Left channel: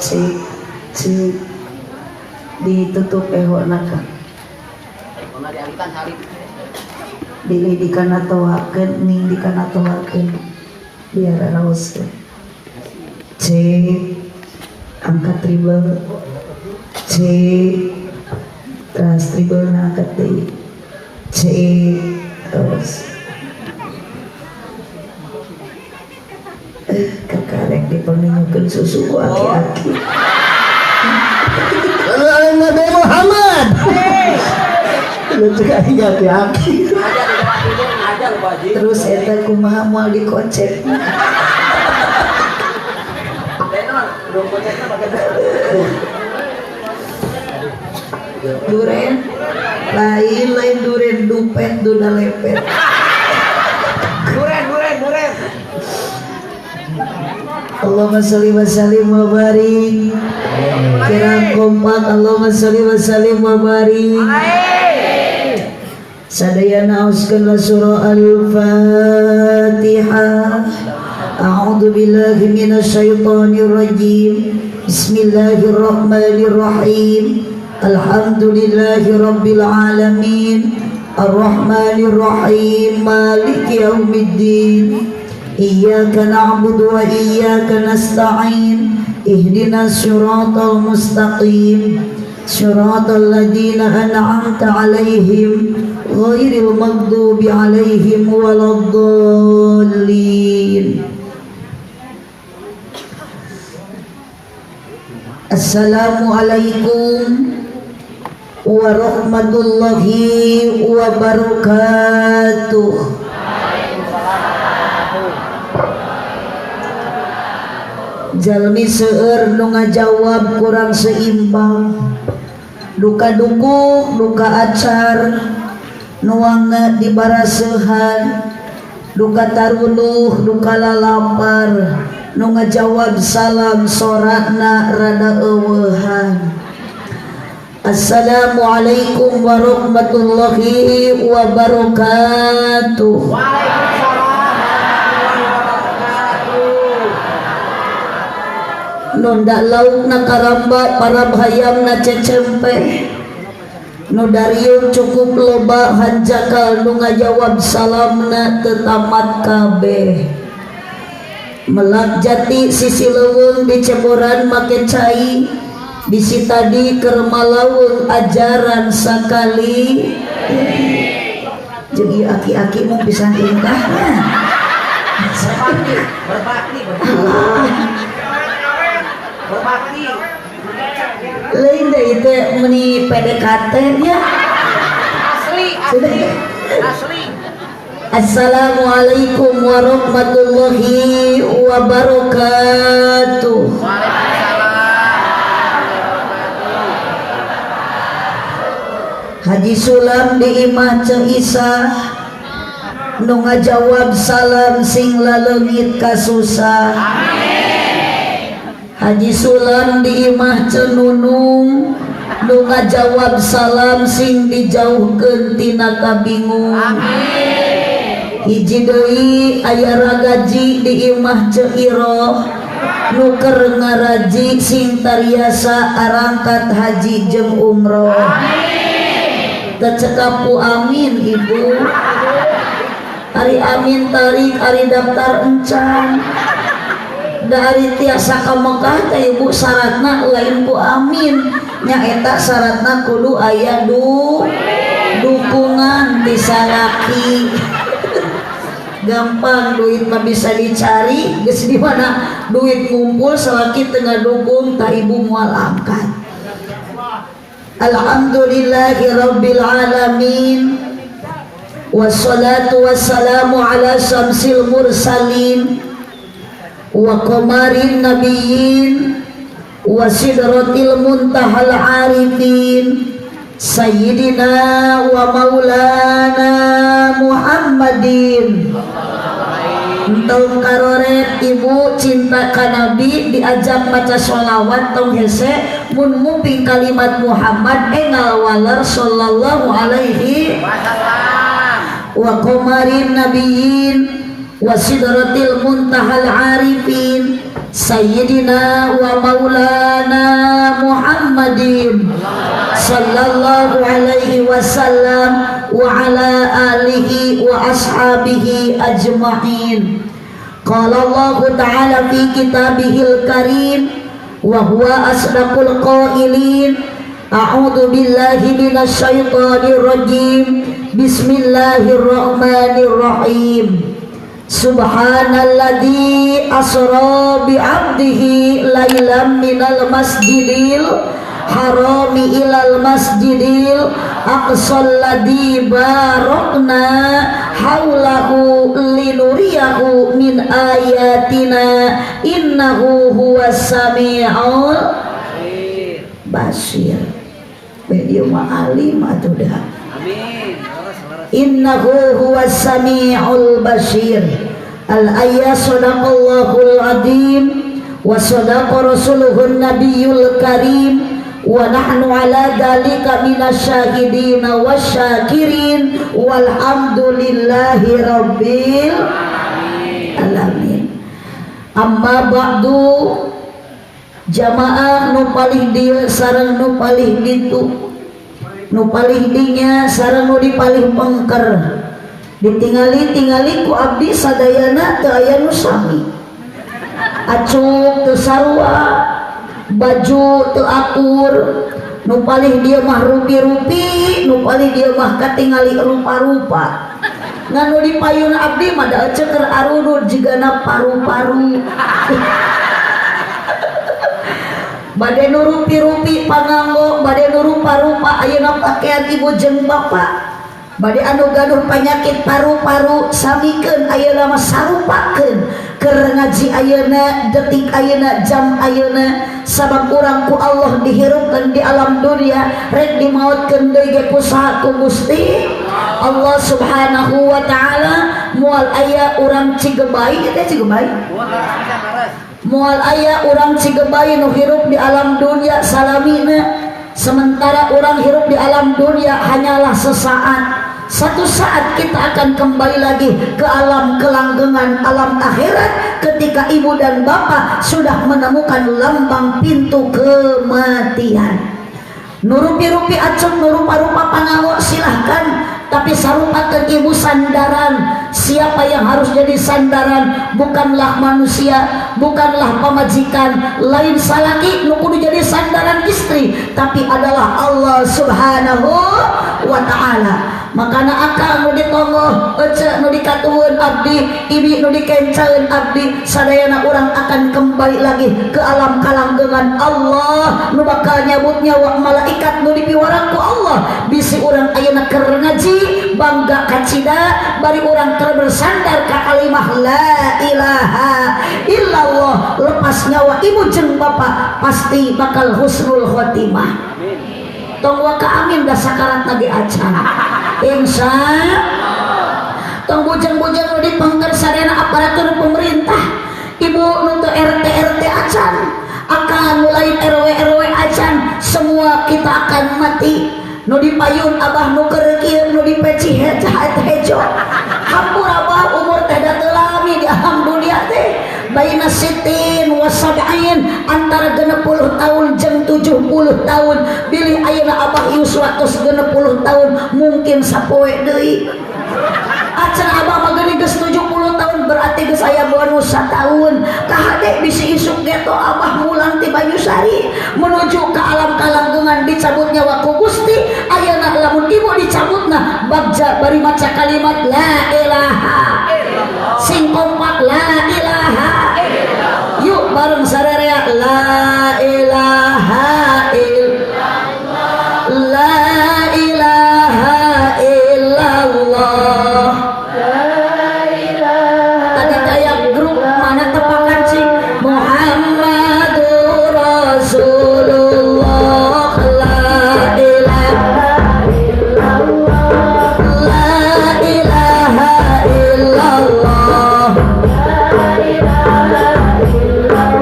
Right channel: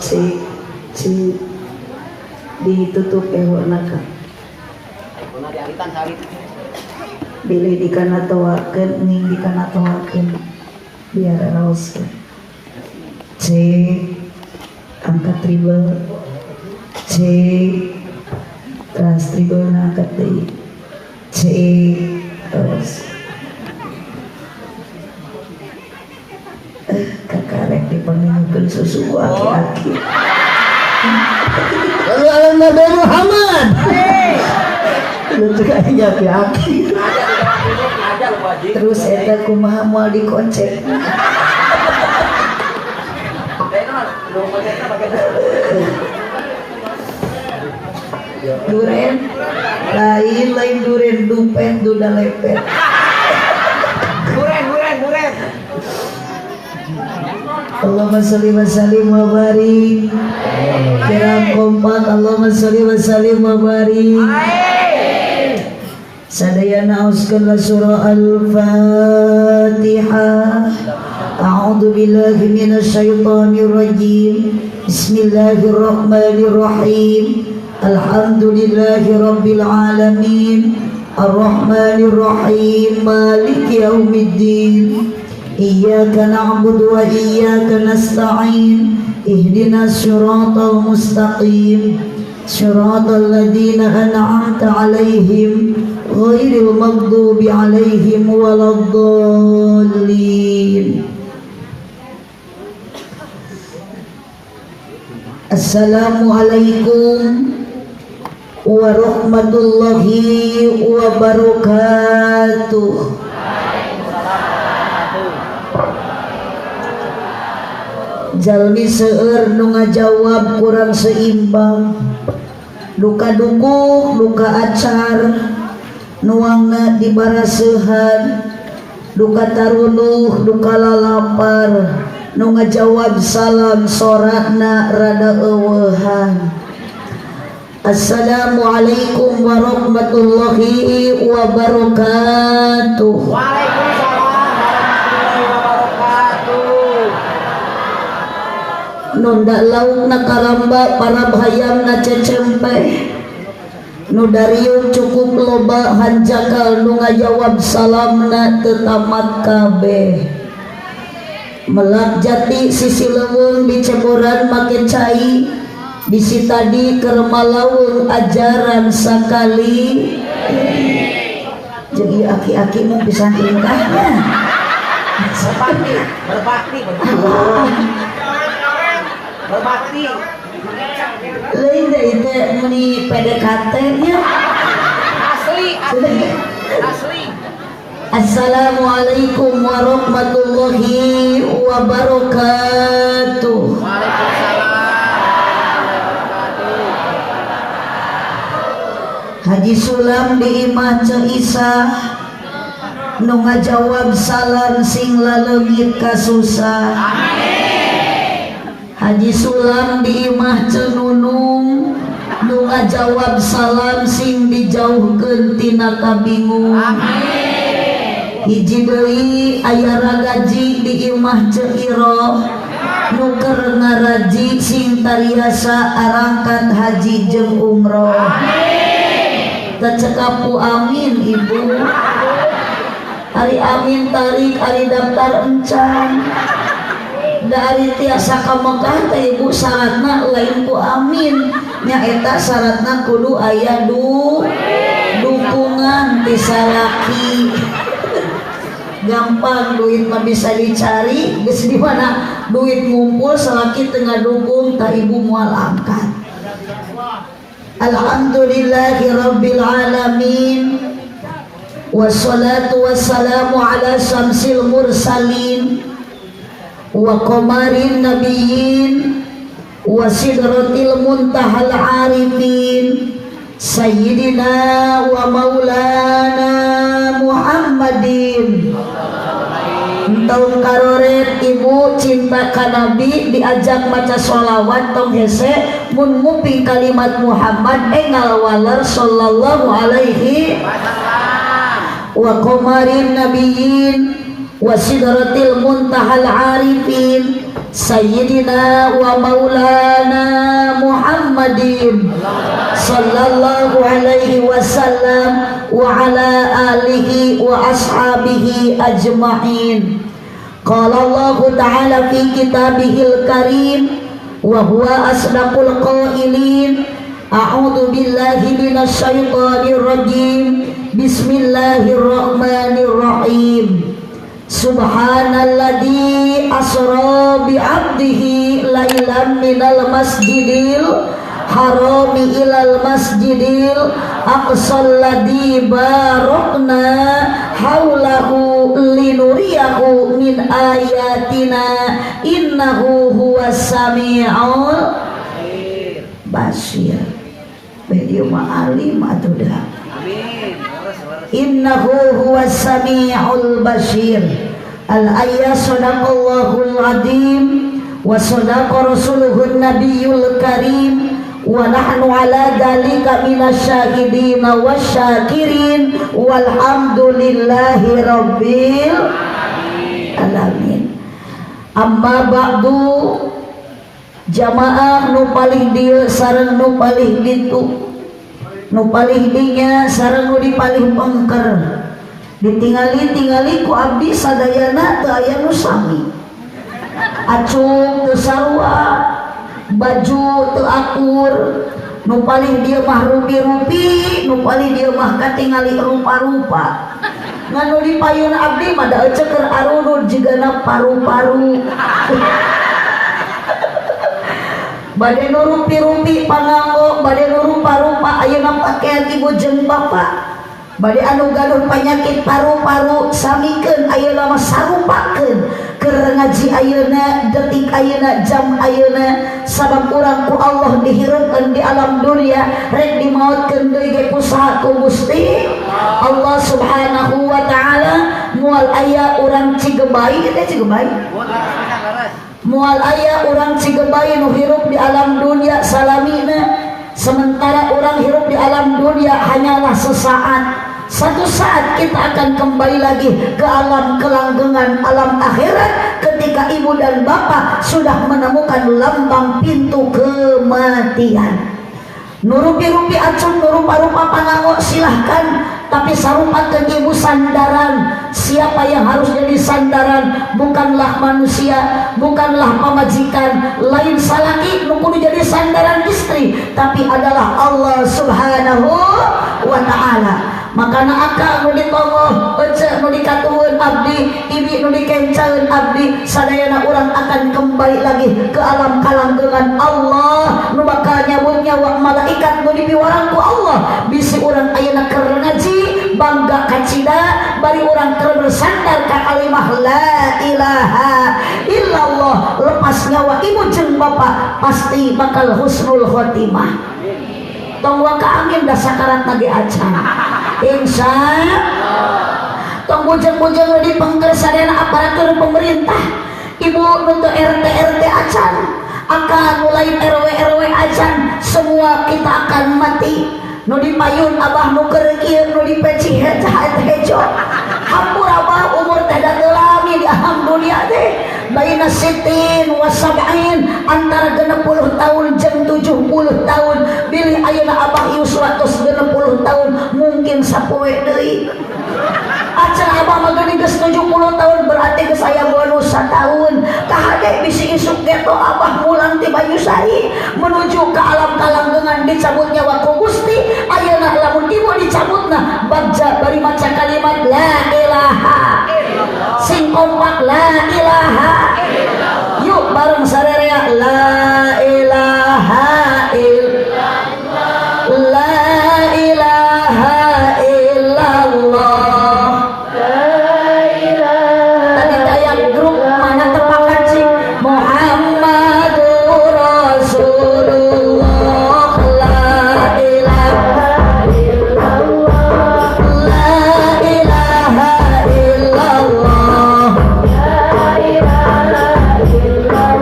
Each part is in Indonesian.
cik cik ditutup ehorna Kang bilih dikanatoakeun ning dikanatoakeun biar raoskeun cik angkat tribel cik trans tribel angkat deui cik terus kakarek dipanggilkeun susu ku aki-aki lalu ala Nabi Muhammad lu cek aki-aki terus eta kumaha moal dikocek duren lain duren dupet duda lepet duren Allahumma sholli wa sallim wa barik kirang kompak Allahumma sholli wa sallim wa barik sadayana auskeun surah al-fatihah a'udzu billahi minasy syaithanir rajim bismillahirrahmanirrahim alhamdulillahi rabbil alamin arrahmanir rahim maliki yaumiddin iyyaka na'budu wa iyyaka nasta'in ihdinas siratal mustaqim siratal ladzina an'amta 'alaihim ghairil maghdubi 'alaihim waladdallin. Assalamualaikum warahmatullahi wabarakatuh. Jalmi seueur nu ngajawab kurang seimbang duka dukuk duka acar nuangna dibarasehan duka taruluh duka lalapar nu ngajawab salam sorakna rada eueuhan. Assalamualaikum warahmatullahi wabarakatuh. Waalaikumsalam warahmatullahi wabarakatuh. Nunda laukna karamba para hayamna cecempe nu darieu cukup loba hanjakal nu ngajawab salamna teu tamat kabeh. Melak jati sisi leuweung di ceboran make cai bisi tadi keur malaweung ajaran sakali jeung aki-aki mun pisan tingkahnya berbakti lain deui teh meuni PDKT nya asli. Assalamualaikum warahmatullahi wabarakatuh. Haji Sulam di imah Ceu Isa nu ngajawab salam sing laleungit kasusah. Haji Sulam di imah Ceu Nunung nu ngajawab salam sing dijauhkeun tina kabingung. Hiji deui aya ragaji di imah Ceu Iroh nu keur ngaraji sing tariasa arangkat haji jeung umroh. Tecekapu amin ibu. Ari amin tarik ari daftar encan. Da ari tiasa ka Mekah teh ibu syaratna lain ku amin. Nyaeta syaratna kudu aya dukungan ti salaki. Gampang duit mah bisa dicari, geus di mana duit ngumpul salaki tengah dukung ta ibu moal angkat. Alhamdulillahi rabbil alamin. Wassalatu wassalamu ala syamsil mursalin wa qamarin nabiyyin wa sidratil muntahal arifin sayyidina wa maulana Muhammadin. Tong karoret ibu cinta ka Nabi diajak baca sholawat tong hese mun nguping kalimat Muhammad engal waler sallallahu alaihi wa qamarin nabiyyin wa sidratil muntahal arifin Sayyidina wa maulana Muhammadin sallallahu alaihi wasallam wa ala alihi wa ashabihi ajma'in. Qala Allah ta'ala fi kitabihil karim wa huwa asdaqul qailin. A'udzu billahi minasy syaithanir rajim. Bismillahirrahmanirrahim. Subhanalladzi asra bi 'abdihi lailan minal masjidil harami ilal masjidil aqsal ladzi barakna haulahu linuriyahu min ayatina innahu huwas samiul basir. Beliau ma'alim atau dah? Innahu huwas samiul basir. Al-ayat sadaqallahul azim wa sadaqa rasuluhun nabiyul karim wa nahnu ala dhalika minasyahidin wasyakirin walhamdulillahi rabbil alamin. Amma ba'du, jamaah nu palih dieu sareng nu palih ditu, nu palih dinya sareng nu dipalih pengker, ditingali ku abdi sadayana teu aya nu sami. Acung teu sarua, baju teu akur, nu palih dieu mah rupi-rupi, nu palih dieu mah katingali rupa-rupa. Ngan nu dipayun abdi mah da ceker arunut jigana paru-paru. Bade nu rupi-rupi panganggo, bade nu rupa-rupa ayeuna pakaian ibu jeung bapa. Bade anu gaduh penyakit paru-paru samikeun ayeuna mah sarupakeun keur ngaji ayeuna, detik ayeuna, jam ayeuna, sabab urang ku Allah dihirupkeun di alam dunia rek dimaotkeun deui ge kusaha ku Gusti Allah Subhanahu wa taala. Moal aya urang Cigebay, eta Cigebay. Moal aya urang Cigebay nu hirup di alam dunia salamina, sementara orang hirup di alam dunia hanyalah sesaat. Satu saat kita akan kembali lagi ke alam kelanggengan, alam akhirat, ketika ibu dan bapak sudah menemukan lambang pintu kematian. Nurupi-rupi acung, nurupa-rupa panganggo silahkan, tapi sarupakeun ibu sandaran. Siapa yang harus jadi sandaran? Bukanlah manusia, bukanlah pemajikan, lain salaki nu kudu jadi sandaran istri, tapi adalah Allah Subhanahu wa ta'ala. Makana akal nu ditongoh, ece nu dikatueun abdi, ibi nu dikencaeun abdi, sadayana urang akan kembali lagi ke alam kalanggengan Allah nu bakal nyabut nyawa malaikat nu dipiwarang ku Allah. Bisi urang ayeuna keur ngaji bangga kacida, bari urang keur bersandar ka kalimah la ilaha illallah, lepas nyawa ibu jeung bapa pasti bakal husnul khotimah. Tong wa ka amin da sakarat lagi acan. Insya tong bujang-bujang di pengker sadayana aparatur pemerintah, ibu nuntut RT acan, akan mulai RW acan, semua kita akan mati. Nu dipayun abah nu keur kieu, nu dipeci hejo, hampur abah umur teh da lami di alam dunia teh baina sitin wa sab'in, antara 60 tahun jeung 70 tahun. Bilih ayeuna abah ieu 160 tahun mungkin sapoe deui. Acan abah mah geus 70 tahun berarti geus aya bonus satahun. Kahade bisi isuk geto abah mulang ti Banyusari menuju ke alam kalanggengan dicabut nyawa ku Gusti. Ayeuna lamun ibu dicabutna bagja bari maca kalimat la ilaha, sing kompak la ilaha. Yuk bareng sarerea la ilaha illallah, la ilaha illallah. Tadi kayak grup mana tepakan sih Muhammadur Rasulullah, la ilaha illallah, la ilaha illallah, la ilaha illallah.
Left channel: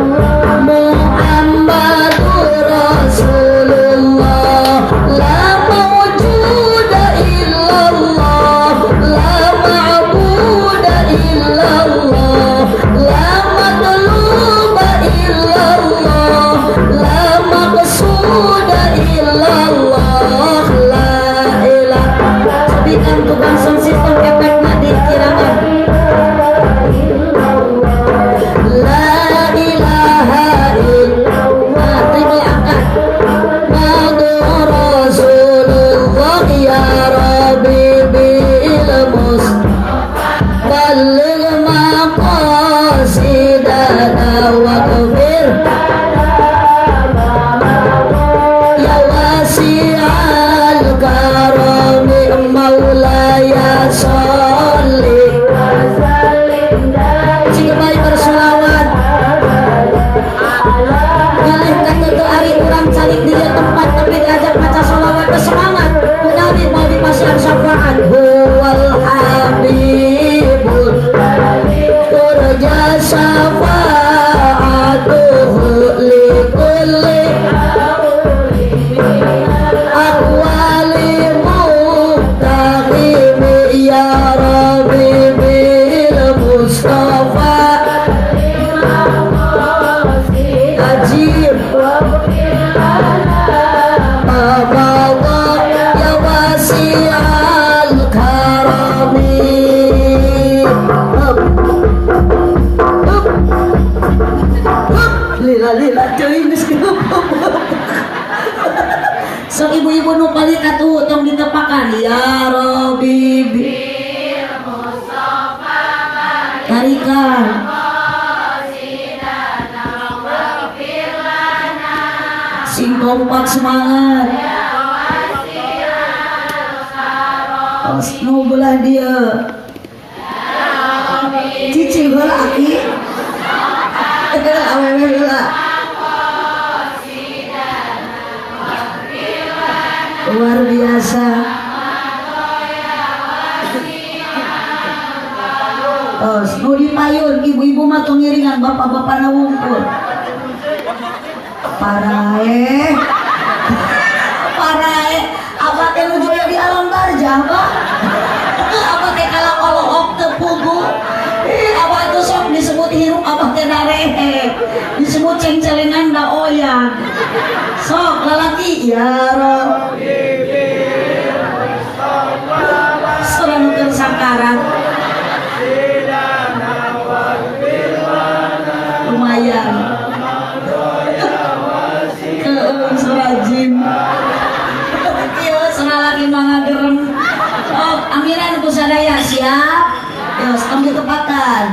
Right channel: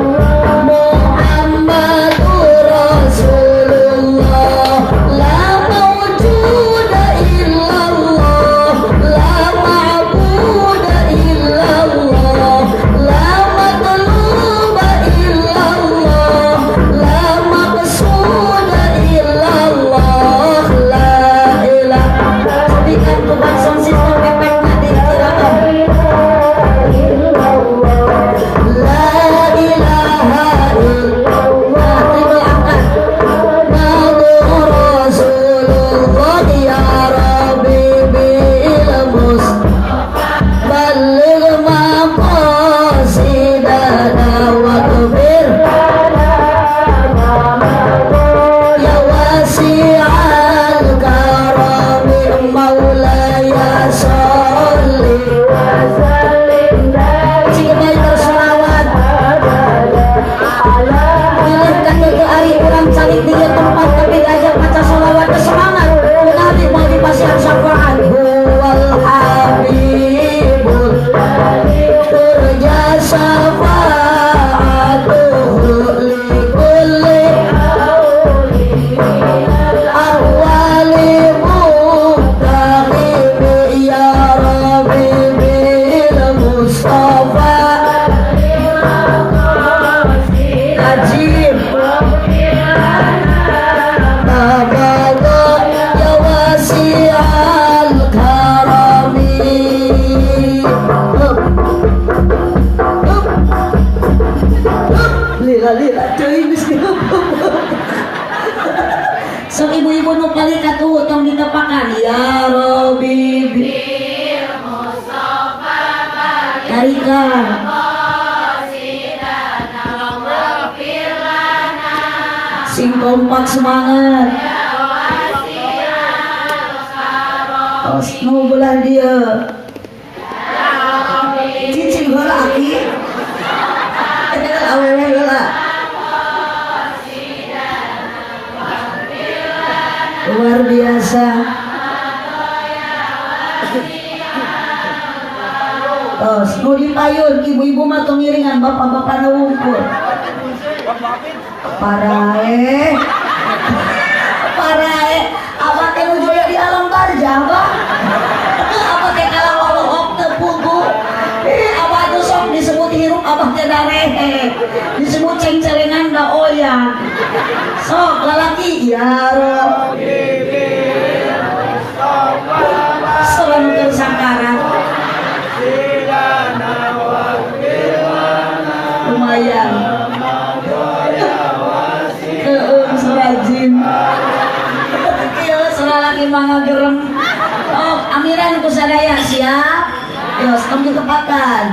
lila teuing geus geubeuh. Sok ibu-ibu nu paling katuh tong ditepakan ya Rabbi Karika sing kompak semangat nu belah dia cicing heula aki eta awewe heula luar biasa. Tos nu dipayun ibu-ibu mah tong ngiringan bapak-bapak na wungkul parae apa teh nu joyo di alam barjah Pak apa teh kalah walok teu pugu apa tuh sok disebut hirup apa teh darehe disebut cengcelengan da oyan sok lalaki ya Rabbi sebentar sakaran lumayan keung serajin kieu salalaki mangga gerem amiran ku sadaya siap terus kami tepakan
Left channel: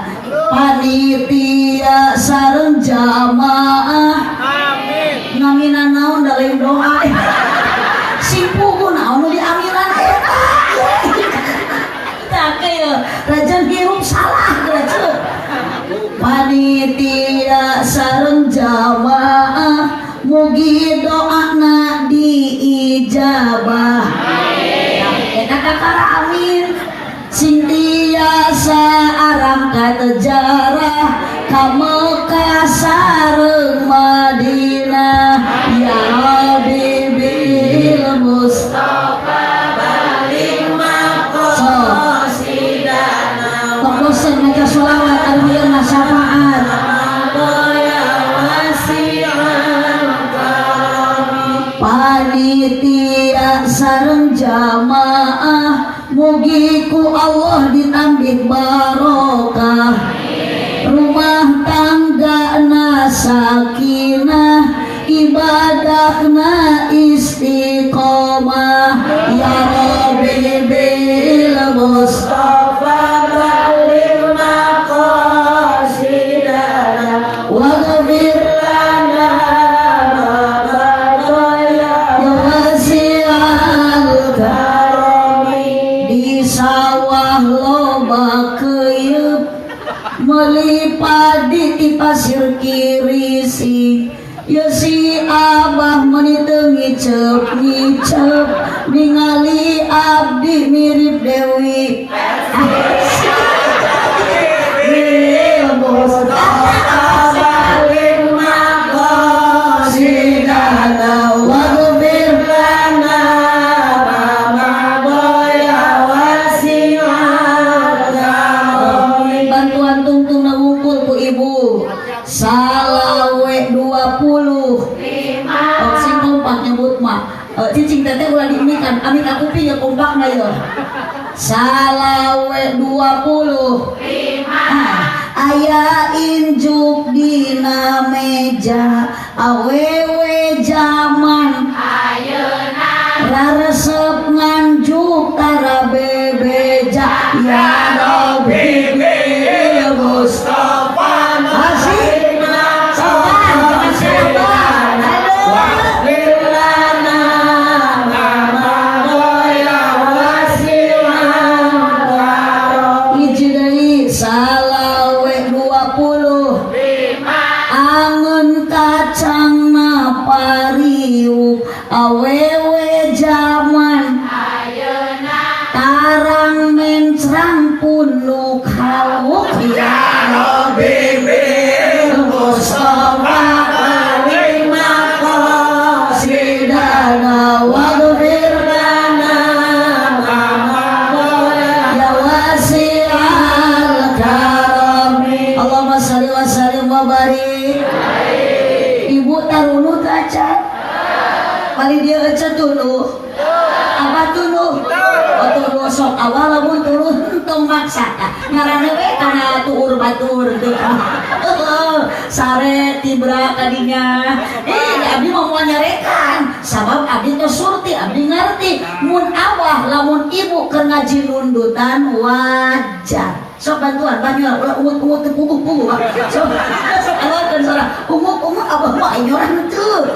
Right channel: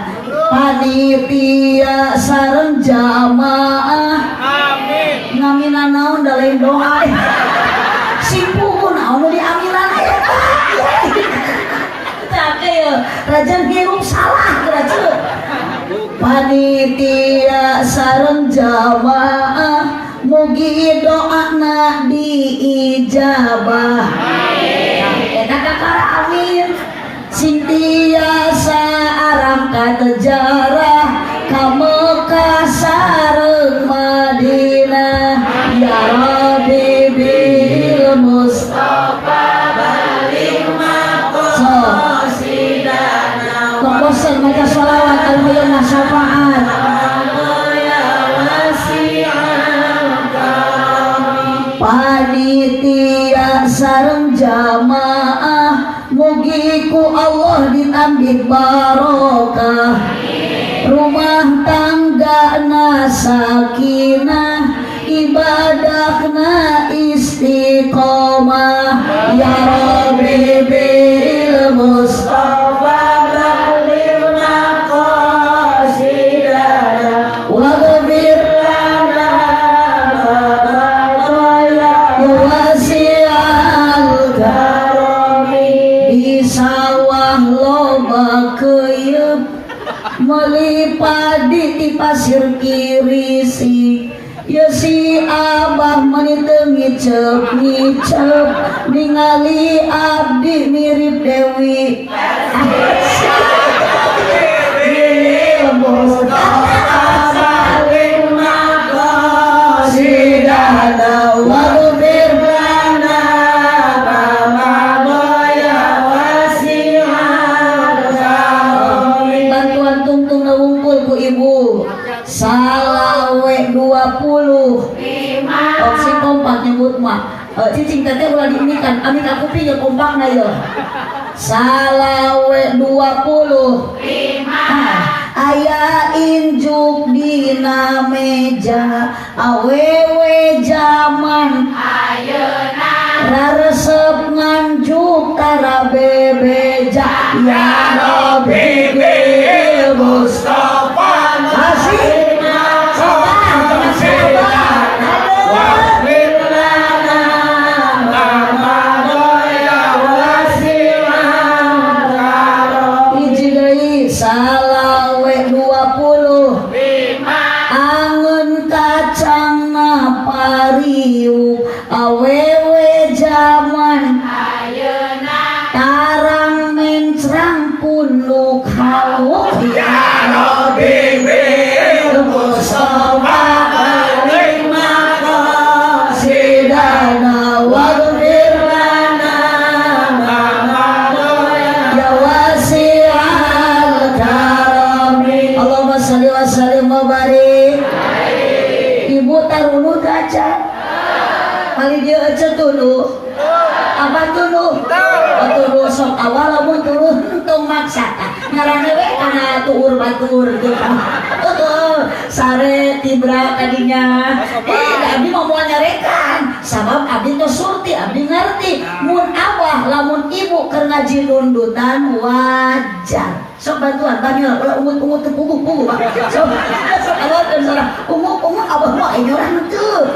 panitia sareng jamaah amin ngamina naon da lain doa simpuku naon nu diamilan eta tah kieu rajan hirup salah grace panitia sareng jamaah mugi doana diijabah eta kakara amin sing tiasa aram katejarah ka Mekah sareng Madinah ya Rabbi bil Mustafa balik maqasidana kokosan maca sholawat alhamdulillah syafaat panitia sareng jamaah mugi ku Allah ditambih barokah rumah tanggana sakinah ibadahna istiqomah ya Rabbi bil Mustafa balik maqasidana waghfir lana ya wasi'al karami di sawah loba keyeup meuli padi ti pasir kirisi ya si abah meuni teu ngicep ningali abdi mirip Dewi bantuan tungtung na wungkul bu ibu salawe 20 sing kompak nyebut mah cicing teteh ulah diunikan ami ka kuping ya kompak na ya salawe 20 aya injuk dina meja awewe zaman ayeuna raresep nganjuk tara bebeja ya Rabbi bil Mustafa masih sabar waghfir lana ma ya wasi'an karam hiji deui salawe 20 angeun kacangna pariuk awewe zaman ayeuna tarang mencrang punuk haluk ya Rabbi bil Mustafa balik maqasidana waghfir lana ya wasi'al karami Allahumma shalli wa sallim wa barik ibu tarunu kaca kali dia aja tuluh apa tuluh tuluh sok awal lamun tuluh tong maksa ngaranna we kana tuur batur teu sare tibra kadinya abdi mau nyarekan sabab abdi teh surti abdi ngerti mun abah lamun ibu keur ngaji nundutan wajar sok bantuan banyak ungut ke puguh sok awakeun sareng ungut abah mah nyoran teu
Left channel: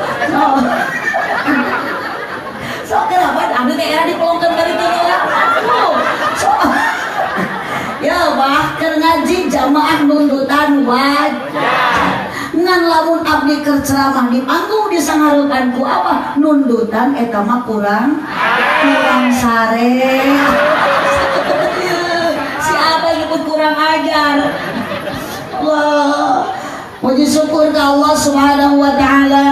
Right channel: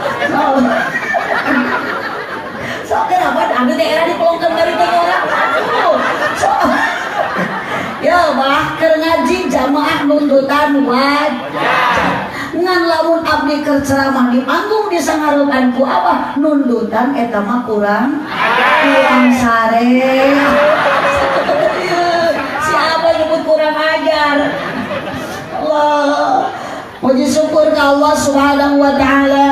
sok kenapa abdi teh era dipelongkeun dari teh nyoran sok ya bah keur ngaji jamaah nundutan wajar ngan lamun abdi keur ceramah di panggung disangarepan ku abah nundutan eta mah kurang sare si abah nyebut kurang ajar Allah puji syukur ka Allah subhanahu wa ta'ala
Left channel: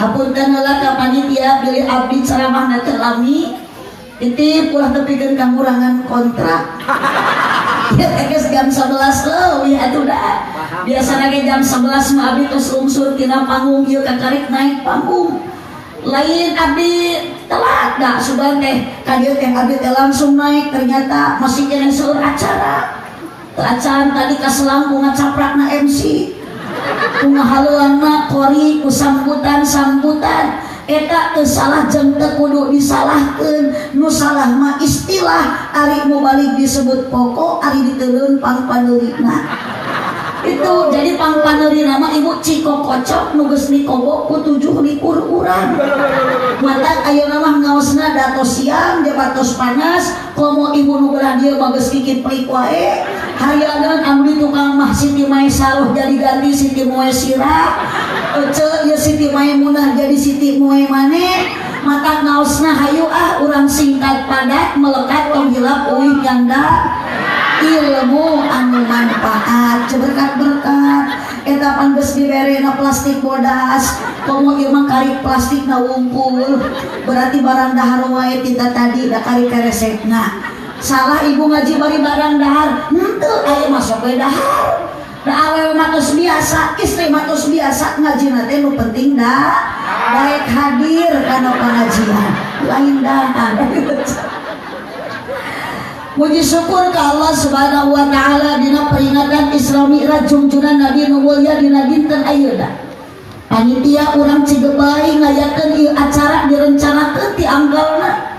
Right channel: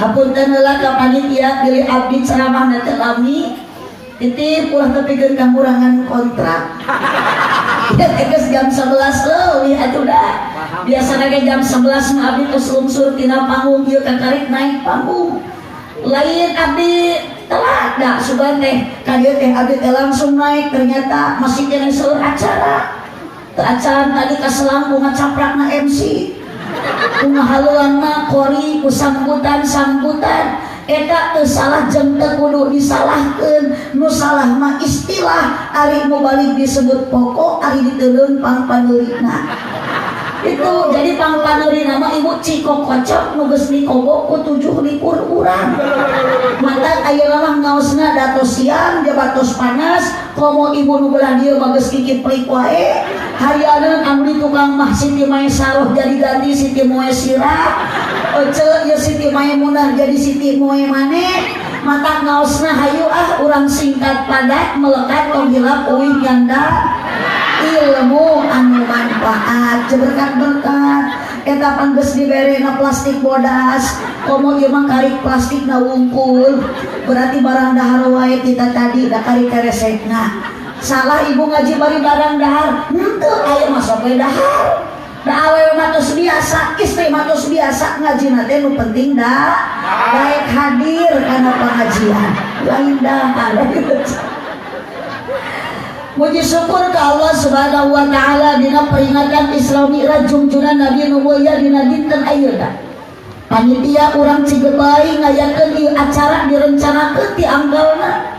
hapunten heula ka panitia pilih abdi ceramah teh lami titip ulah tepikeun kakurangan kontrak ya tegas jam 11 leuwih atuh dah biasana ge jam 11 mah abdi tos lungsur tina panggung ieu kakarik naik panggung lain abdi telat da suban teh ka dieu teh abdi teh langsung naik ternyata masih kene seueur acara teu acan tadi ka selangkung ngacaprakna MC ngahaleuanna kori ku sambutan eta teu salah jeung teu kudu disalahkeun nu salah mah istilah ari nu balik disebut pokok ari diteuleun pangpaneurina itu jadi pangpaneurina mah ibu ciko kocok nu geus dikobo ku 7 likur urang mantap ayeuna mah ngaosna datos siang jabatos panas komo ibu nu belah dieu mah geus kikit pelik wae hayanan anu di tukang mah Siti Mae Saluh jadi ganti Siti Moe Sira ece ya Siti Mae Munah jadi Siti Moe Mane mata ngaosna hayu urang singkat padat melekat tong hilap uing nyanda ilmu anu manfaat berkat eta panggeus diberena plastik bodas komo ieu mah karik plastik na wungkul berarti barang dahar wae kita tadi da karik keresekna salah ibu ngaji bari barang dahar henteu aya masuk we dahar da awewe mah tos biasa istri mah tos biasa ngajina teh nu penting da baik hadir kana pengajian lain dahar Puji syukur ke Allah subhanahu wa ta'ala dina peringatan Isra Mi'raj junjunan Nabi Nubuwah dina dinten ayeuna panitia urang Cigebay ngayakeun ieu acara direncanakeun ti anggalna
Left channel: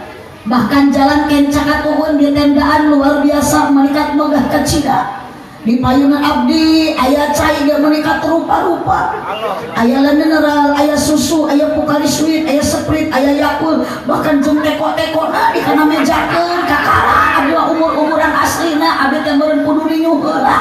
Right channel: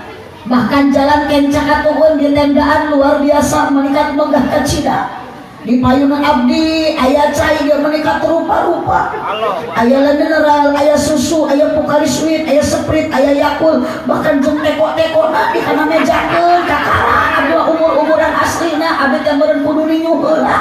bahkan jalan kencaka tuhun di tendaan luar biasa meningkat megah kecida di payunan abdi aya cai dia meningkat rupa-rupa aya mineral aya susu aya Pocari Sweat aya Sprite aya Yakult bahkan jeung teko-tekona di kana mejakeun kakara abdi umur-umuran aslina abdi teh meureun kudu dinyuh heula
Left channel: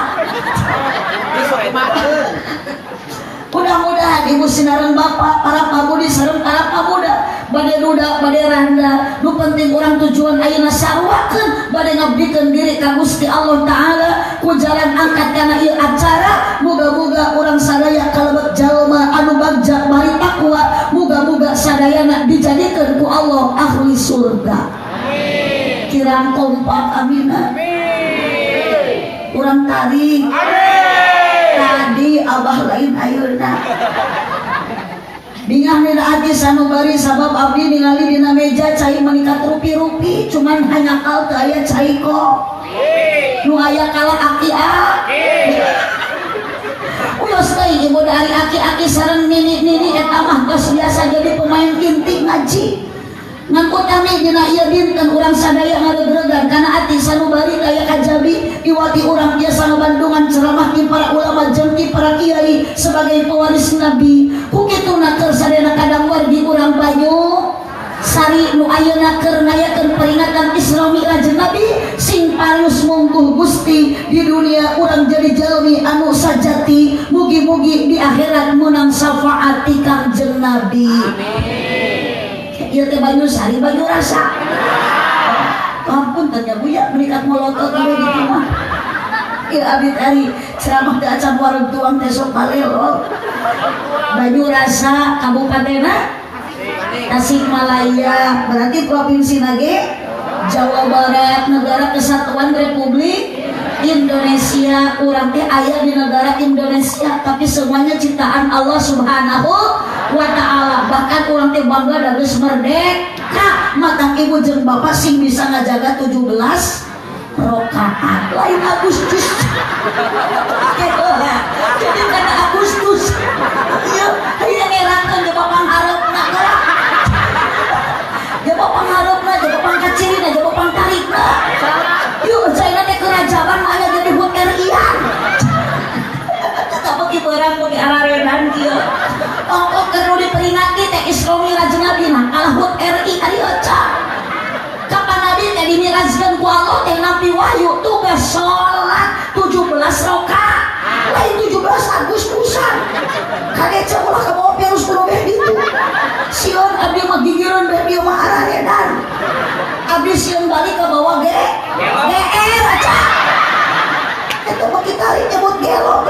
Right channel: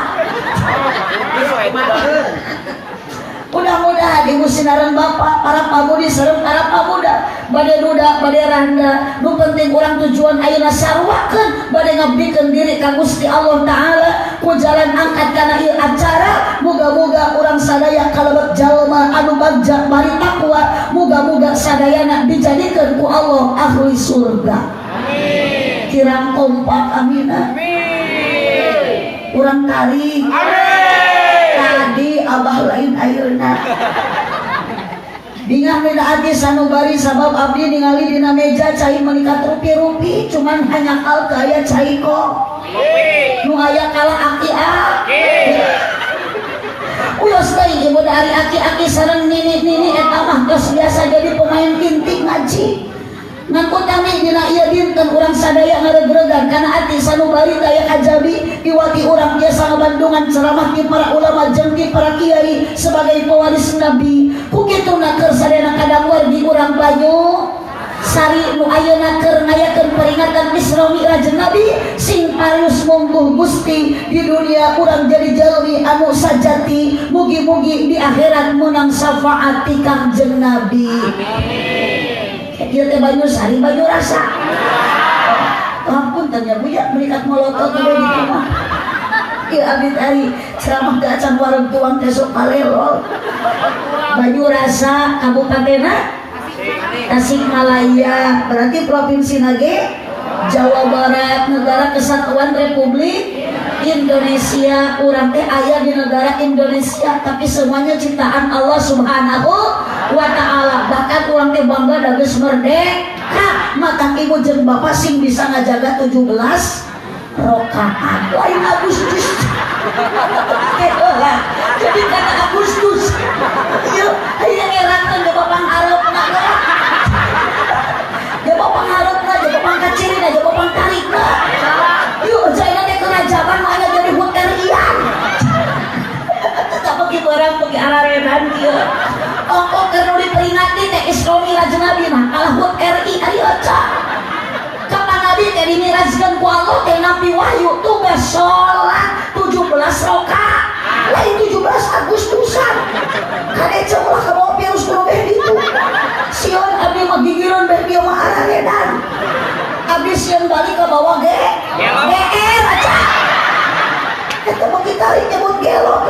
mudah-mudahan ibu sinareun bapak para pamudi sareng para pamuda bade duda bade randa nu penting urang tujuan ayeuna sarwakeun bade ngabdikeun diri ka Gusti Allah taala ku jalan angkat kana ieu acara muga-muga urang sadaya kalebet jalma anu bagja bari takwa muga-muga sadayana dijadikeun ku Allah ahli surga amin kirang kompak amin amin urang tarik amin tadi abah lain ayeuna bingah nida ati sanubari sabab abdi ningali dina meja cai meningkat rupi-rupi cuman hanya kal teu aya cai kok nu aya kalah aki-aki uyos deui ibu dari aki-aki sareng nini-nini eta mah geus biasa jadi pemain inti ngaji ngangkut kami dina ieu dinten urang sadaya ngaregreugan kana ati sanubari daya kajabi iwati urang biasa ngabandungan ceramah di para ulama jeung di para kiai sebagai pewaris nabi ku kituna keur sadayana kadangwar di urang Banyu sari nu ayeuna keur ngayakeun peringatan Isra Mi'raj Nabi sing parius mungguh Gusti di dunia urang jadi jalmi anu sajati mugi-mugi di akhirat munang syafaat ti Kangjeng Nabi amin ieu teh Banyu Sari Banyu Rasa ampun tanya buya menikat molotot di rumah ieu abdi ari ceramah teh acan warung tuang teh sok palelo Banyu Rasa kabupatenna Tasikmalaya berarti provinsi nage Jawa Barat negara kesatuan Republik Indonesia urang teh aya di negara Indonesia tapi semuanya ciptaan Allah Subhanahu wa ta'ala bahkan urang teh bangga da geus merdeka matang ibu jeung bapak sing bisa ngajaga 17 rakaat lain Agustus Gitu lah. Jadi kata Agustus. Iya, akhirnya ngerakan ke papang harap nak gerak. Ya papang harap nak, ya papang kacirin, ya papang tarik nak. Yuk, saya nanti kerajaan mana jadi huterian. Tetap pergi barang, pergi ararenan dia. Ongkok kerja diperingati, teh Isromi Raja Nabi nah, kalah hut RI, ayo cak. Kapan Nabi teh dimirajkan ku Allah teh Nabi Wahyu tugas sholat 17 rakaat. Lain 17 Agustusan. Kade celah ke bawah virus kuno itu. Sion abdi mah gigireun beh dia mah ararenan. Abdi sion balik ke bawah ge. Baca. Eta mah kita nyebut gelo.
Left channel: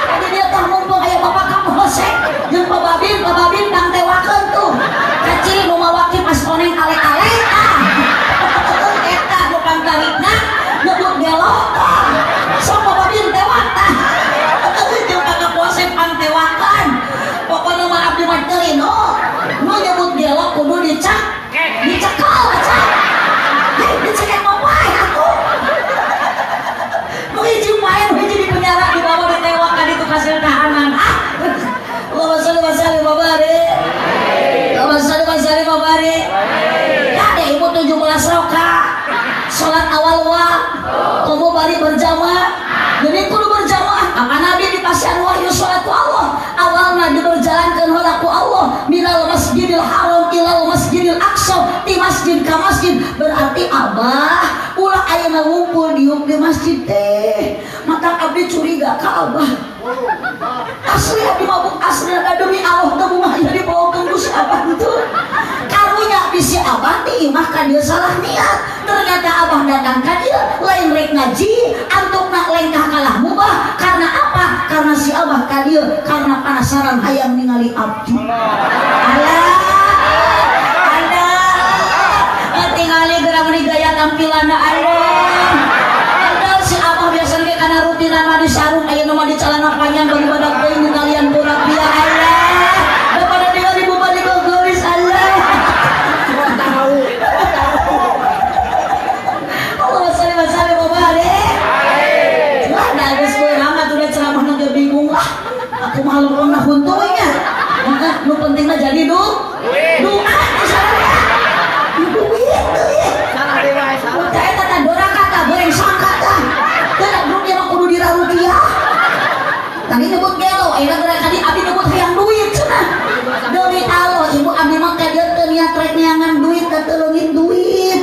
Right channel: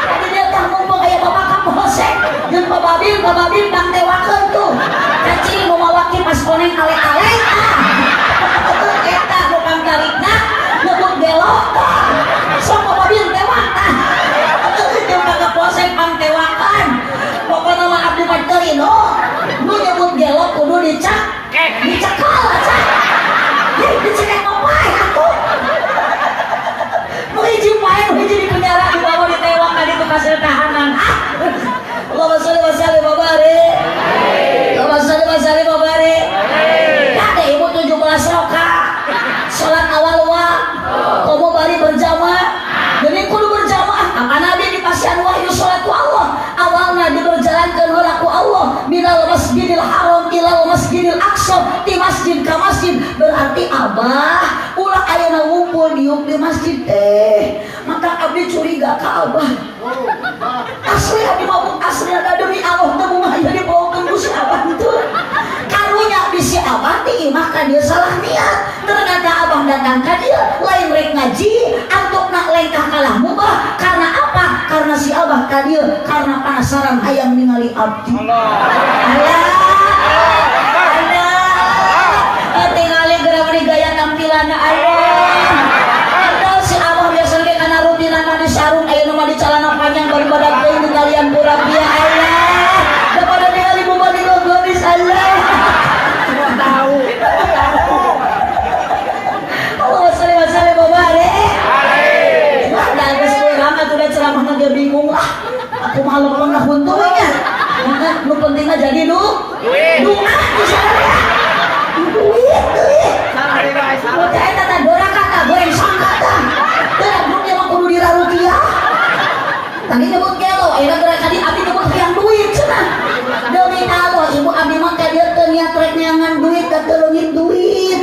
Tadi dia tah mumpung aya Bapak Kapolsek jeung Bababin kang tewakeun tuh. Kacil mau mawaki pas koneng ale-ale eta bukan tarikna nyebut gelo. Sok Bababin tewak tah. Jeung Bapak Kapolsek pang tewakan. Pokona mah abdi mah teu nu nyebut gelo kudu dicekal aja. Dicekal mah wae atuh. Hiji main, hiji di penjara, di bawah ditewak kan itu kasih tahanan. Allahumma sholli wa sallim wa barik. Allahumma sholli wa sallim wa barik. Ya deh ibu 17 rakaat. Salat awal wa, kamu bari berjamaah. Jadi kudu berjamaah. Apa Nabi di pasian wahyu salat ku Allah. Awalna diberjalankan oleh ku Allah minal masjidil haram ilal masjidil aqsa di masjid ka masjid berarti abah ulah ayeuna ngumpul diuk di masjid teh maka abdi curiga ka abah asli abdi mabuk asli ada demi Allah teu mah jadi bawakeun ku si abah itu karunya bisi abah ti imah ka dieu salah niat ternyata abah datang ka dieu lain rek ngaji antukna lengkah kalah mubah karena apa karena si abah ka dieu karena penasaran hayang ningali abdi tingali gerak meni gaya tampilanna si abah biasa ge kana rutinana di sarung ayeuna mah di calana panjang bari badak teuing kalian burapia daripada ningali buba di gogoris tahu Allah salih wa sallim wa barik mana geus teu lama tuh ceramah na bingung lah aku mah leuweung huntunya nu penting mah jadi doa di sana duit udah eta teh dora kata goreng sangkata teh grupnya mah kudu dirarutia tadi nyebut gelo ayeuna gerak kadi abdi nyebut hayang duit cenah demi Allah ibu abdi mah teh dieu teu niat rek neangan duit teh teu leungit duit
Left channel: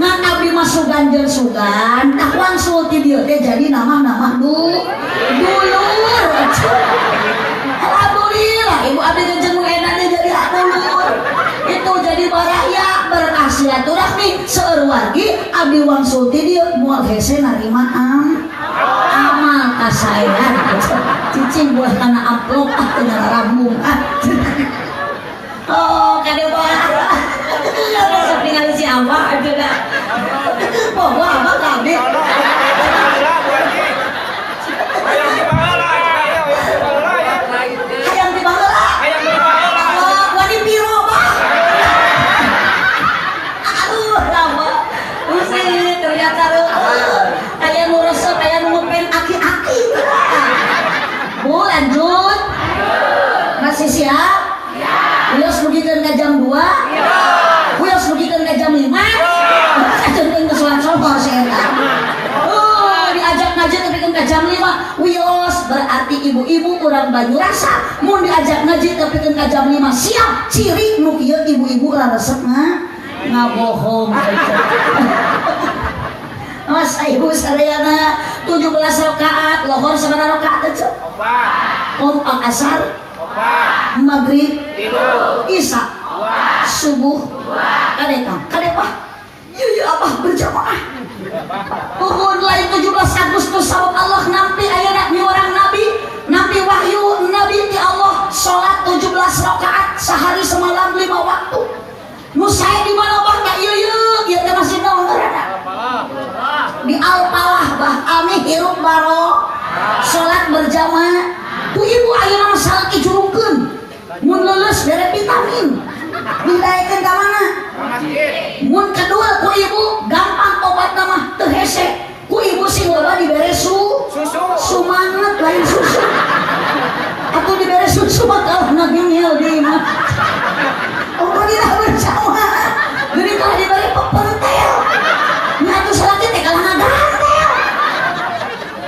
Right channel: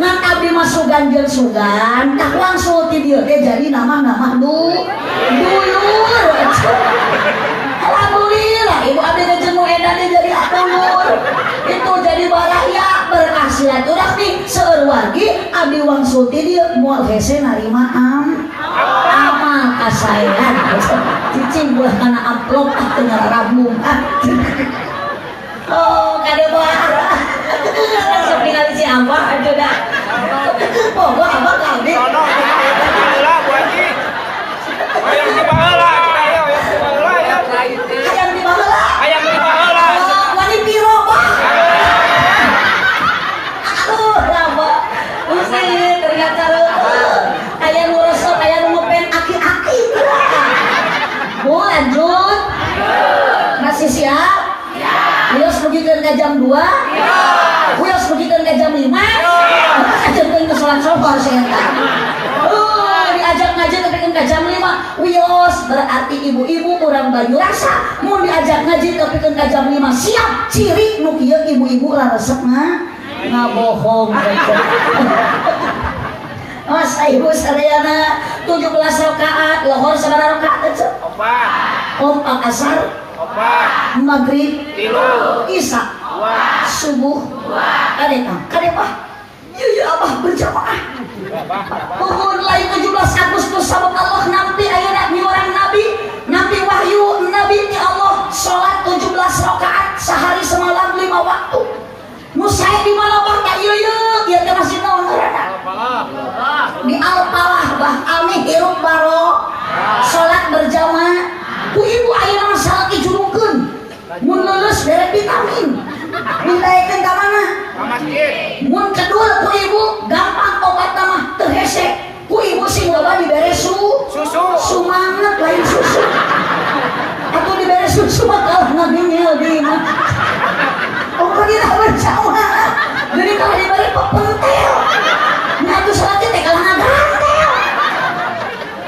ngan abdi mah sugan jeung sugan tak langsung ti dieu teh jadi nama dulur alhamdulillah ibu abdi teh jenuh edannya jadi dulur itu jadi baraya berkah silaturahmi seueur wargi abdi wangsul ti dieu moal hese narima amal kasayan cicing buah kana amplop teu ngarabung oh kade barah sok ningali si abah aja dah poho abah kabeh Ayam di baheula, ayam di baheula. Wani piro mah? Aduh, rama. Usi ternyata aya nu resep, aya nu ngepen aki-aki. Bu lanjut. Masih siap? Wios mugikeun ka jam 2? Wios mugikeun ka jam 5? Ajeun teh geus salat sohor eta. Diajak ngaji tapi kan jam 5 wios berarti ibu-ibu kurang baju rasa mau diajak ngaji tapi kan jam 5 siap ciri nu kieu ibu-ibu raresep ngabohong Mas ibu sadayana 17 rakaat lohor sabaraha rakaat teh opat asar maghrib 3 isya 2 subuh kade Pak ya abah berjamaah Puhun lain 17 Agustus sabab Allah nampi ayeuna nyuarang nabi wahyu nabi ti Allah salat 17 rakaat sehari semalam 5 waktu nu sae di mana Bah tak ieu teh masjid naon ngaranna di Al-Falah Bah ami hirup baro salat berjamaah ku ibu ayeuna mah salat dijurungkeun mun leuleus bere vitamin didaekeun ka mana mun kedua ku ibu gampang obat mah teu hese ku ibu sing loba dibere susu sumanget lain susu atau dibere susu mah kalah nagingil di mah umur dina berjamaah geuning kalah dibere pepentel nya atuh salat teh kalah ngagantel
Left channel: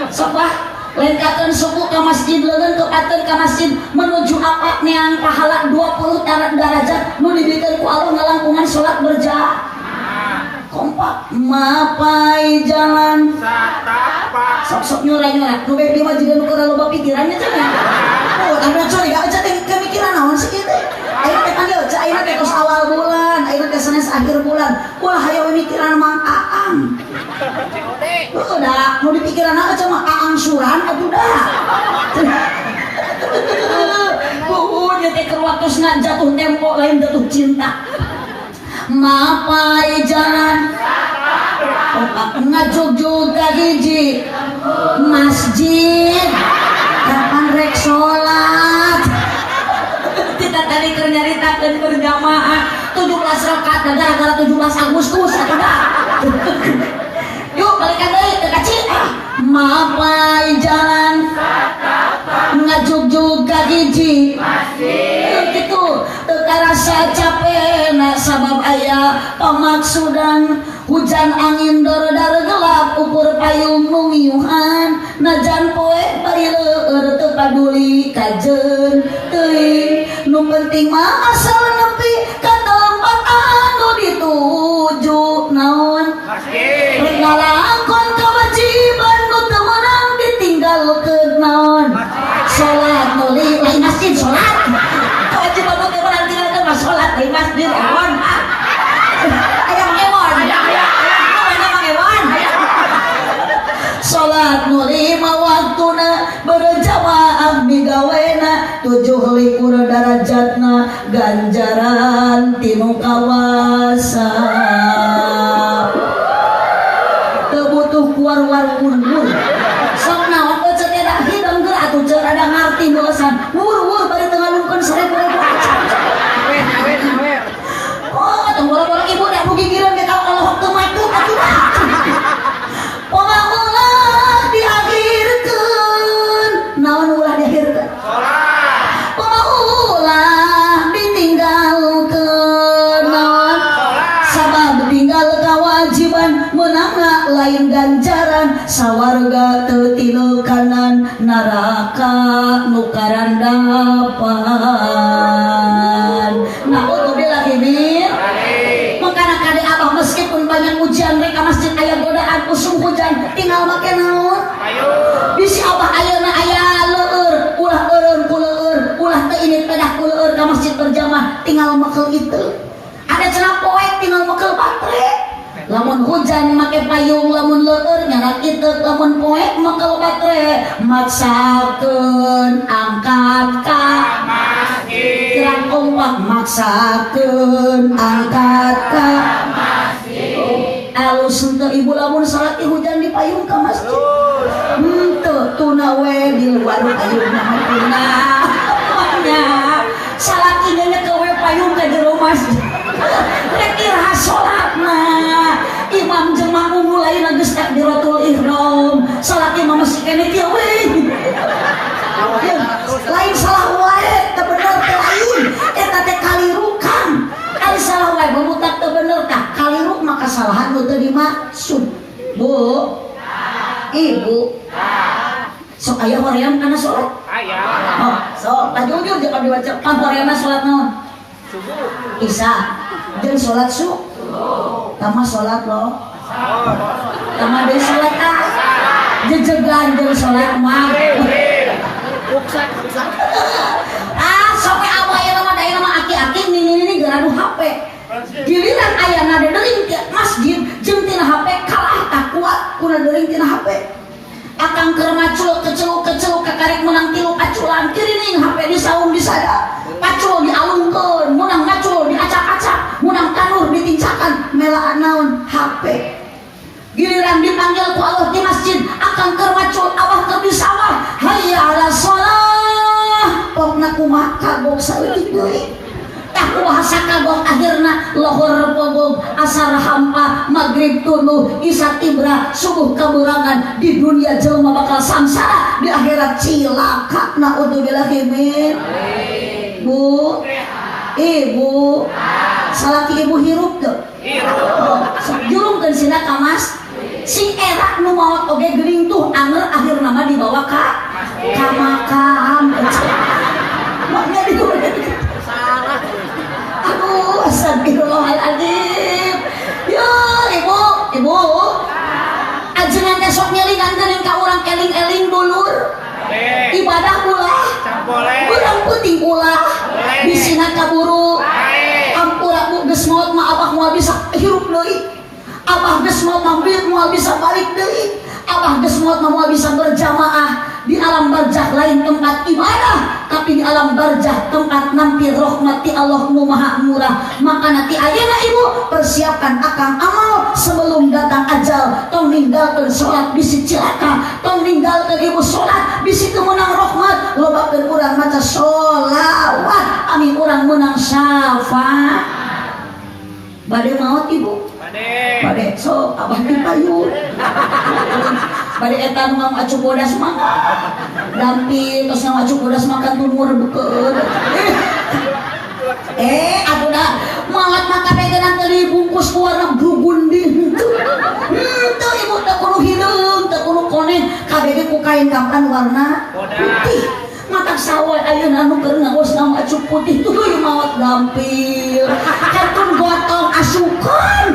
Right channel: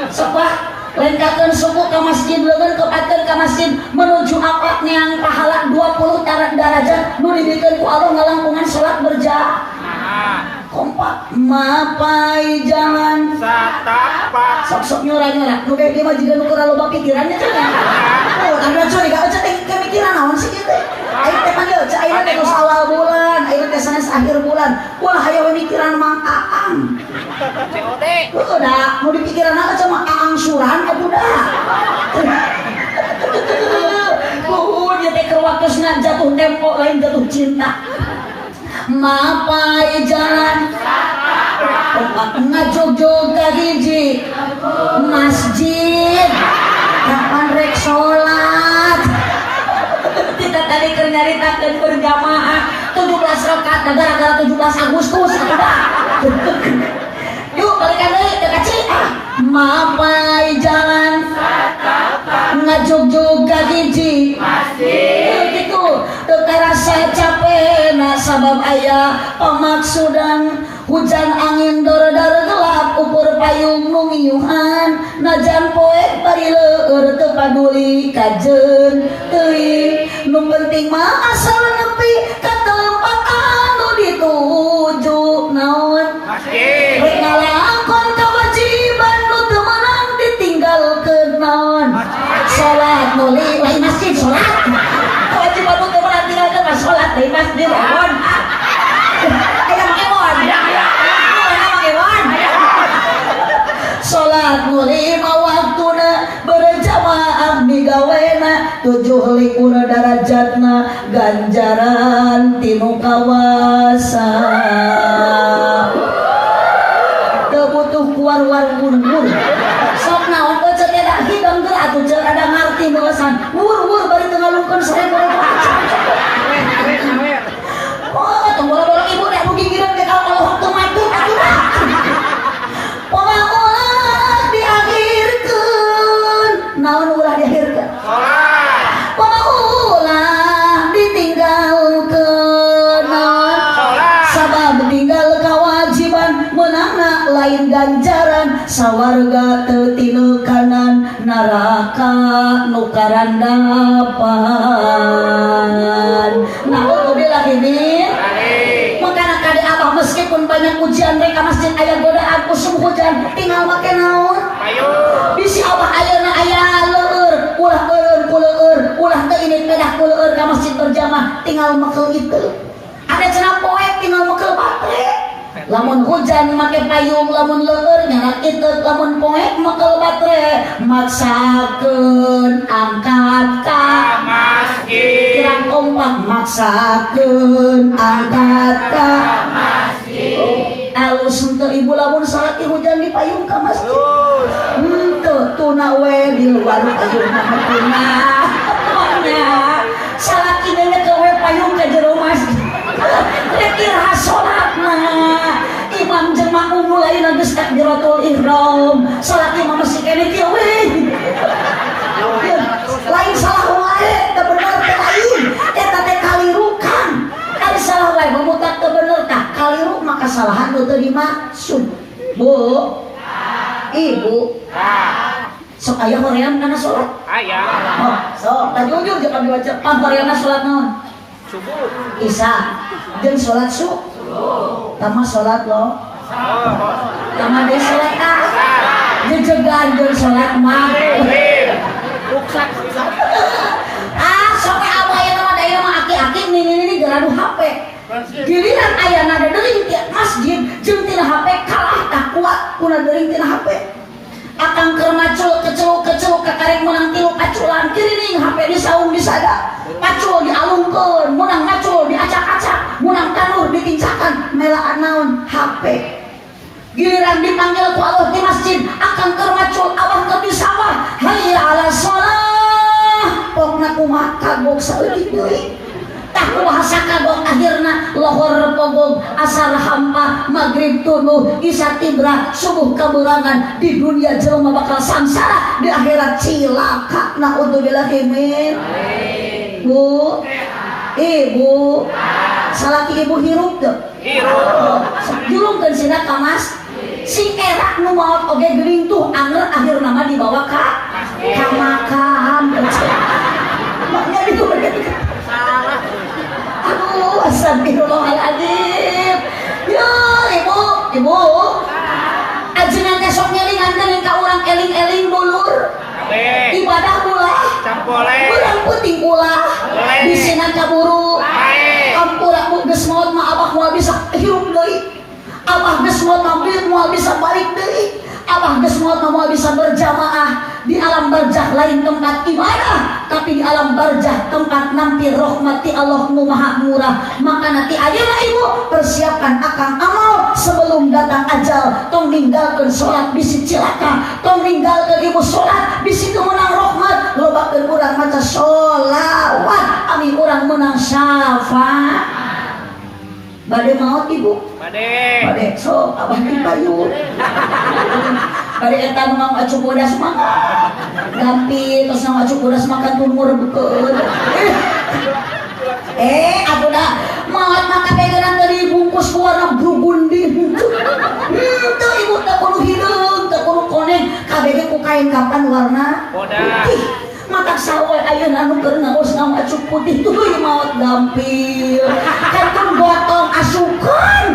sepah lengkakeun suku ke masjid leungeun kepateun ka masjid menuju apa neang pahala 20 derajat nu dibikeun ku Allah ngalangkungan salat berjamaah kompak mapai jangan Satapa sok-sok nyurah-nyurah nu baby mah jiga nu keur loba pikirannya cenah oh ada coy gak aja teh kemikiran naon sih kitu ayeuna teh panggil ca ayeuna teh geus awal bulan ayeuna teh sanes akhir bulan ulah hayo mikiran Mang Aang COD udah mau dipikiran apa cuma Aang suran budak nya teh keur waktuna jatuh tempo lain jatuh cinta mapai jangan ngajog-jog ka hiji masjid kapan rek salat kita tadi keur nyaritakeun berjamaah 17 rakaat gara-gara 17 Agustus atuh yuk balikan deui teh kaci mapai jangan ngajog-jog ka hiji masjid gitu teu karasa capek na sabab aya pamaksudan hujan angin dor-dor gelap ukur payung nu ngiyuhan najan poek bari leueur teu paduli kajeun teuing nu penting mah asal nepi ka tempat anu dituju naon masjid rek ngalangkon kewajiban nu teu meunang ditinggalkeun naon salat nu lain masjid salat kewajiban nu teu meunang ditinggalkeun mah salat lain masjid naon aya mangewon mana mangewon salat nu lima waktuna berjamaah migawena 7 derajatna ganjaran tinu kawasa teu butuh kuar-war wur-wur sok naon teu ceuk ada hidung geura atuh ceuk ada ngarti meusan wur-wur bari teu ngalungkeun 1000 oh tong bola-bola ibu dak mugi gireun ke kalau waktu mati atuh pemanggulah diakhirkeun naon ulah diakhirkeun sholat pemanggulah ditinggalkeun naon sabab tinggal kewajiban meunangna lain ganjaran sawarga teu tileukanan neraka nu karandapan naudzubillah min mangkana kade abah meskipun banyak ujian rek ka masjid aya godaan usum hujan tinggal make naon payung bisi abah ayeuna aya leueur ulah eureun ku leueur ulah teu init pedah ku leueur ka masjid berjamaah tinggal mekel itu ada cenah poek tinggal mekel baterai lamun hujan make payung lamun leueur nyana kitu lamun poek mekel baterai maksakeun angkat ka masjid kirang kompak maksakeun angkat ka masjid alus henteu ibu lamun salat hujan di payung ka masjid henteu tuna we di luar payung mah tuna pokoknya salat ieu ke we payung ka jero masjid rek irha salatna imam jemaah mulai geus takbiratul ihram salat imam masih kene kieu we lain salah wae teu bener teh lain eta teh kalirukan ari salah wae memutat teu bener tah kaliru maka kesalahan nu teu dimaksud bu ibu sok aya hoream kana salat aya oh sok tajujur jeung abdi baca horeamna salat naon subuh isya jeung salat subuh tama salat lo tama deui salat ta jejegan jeung salat maghrib ruksak sok abah ieu mah daerah mah aki-aki ini geradu HP giliran ayana deuring ti masjid jeung tina HP kalah tak kuat kuna deuring tina HP akang keur macul kecel kakarek menang 3 paculan kirining HP disaung disada pacul dialungkeun menang macul diacak-acak menang tanur ditincakan melaan naon HP giliran dipanggil ku Allah di masjid akang keur macul awah keur di sawah hayya ala shalah pokna kumaha kagok saeutik deui tah bahasa kagok akhirna lohor pogog asar hampa maghrib tunu isya tibra subuh keburangan di dunia jelema bakal samsara di akhirat cilaka naudzubillah min. Bu ibu salaki ibu hirup tuh Hirup. jurungkeun sina ka mas sing era nu maot oge geuning tuh anger akhir nama dibawa ka makam maknya digodain Salah. aduh astagfirullahaladzim ya ibu ajengan teh sok nyelingan geuning ka urang eling-eling bulur Abe. ibadah ulah Campole. urang penting ulah Boleh. bisina kaburu Baik. ampura ku geus maot mah abah moal bisa hirup deui abah geus maot mah moal bisa balik deui abah geus maot mah moal bisa berjamaah di alam barzakh lain tempat ibadah tapi di alam barzakh tempat nampi rahmati Allah nu maha murah maka nanti ayeuna ibu persiapkan akang amal sebelum datang ajal tong ninggalkeun salat bisi cilaka tong ninggalkeun ibu salat bisi kemenang rahmat lobakeun urang maca sholawat amin urang menang syafaat bade maot ibu bade so abah dipayun bade eta mau acu bodas mangga dampi terus mau acu bodas makan tumur bukeun aduh maot maka begeran dari bungkus warna burgundi tuh ibu tak kudu hideung tak kudu koneng kabeh ku kain kapan warna putih matak sawoy ayeuna anu keur ngagos nama acu putih tuh maot dampil ketun gotong asukan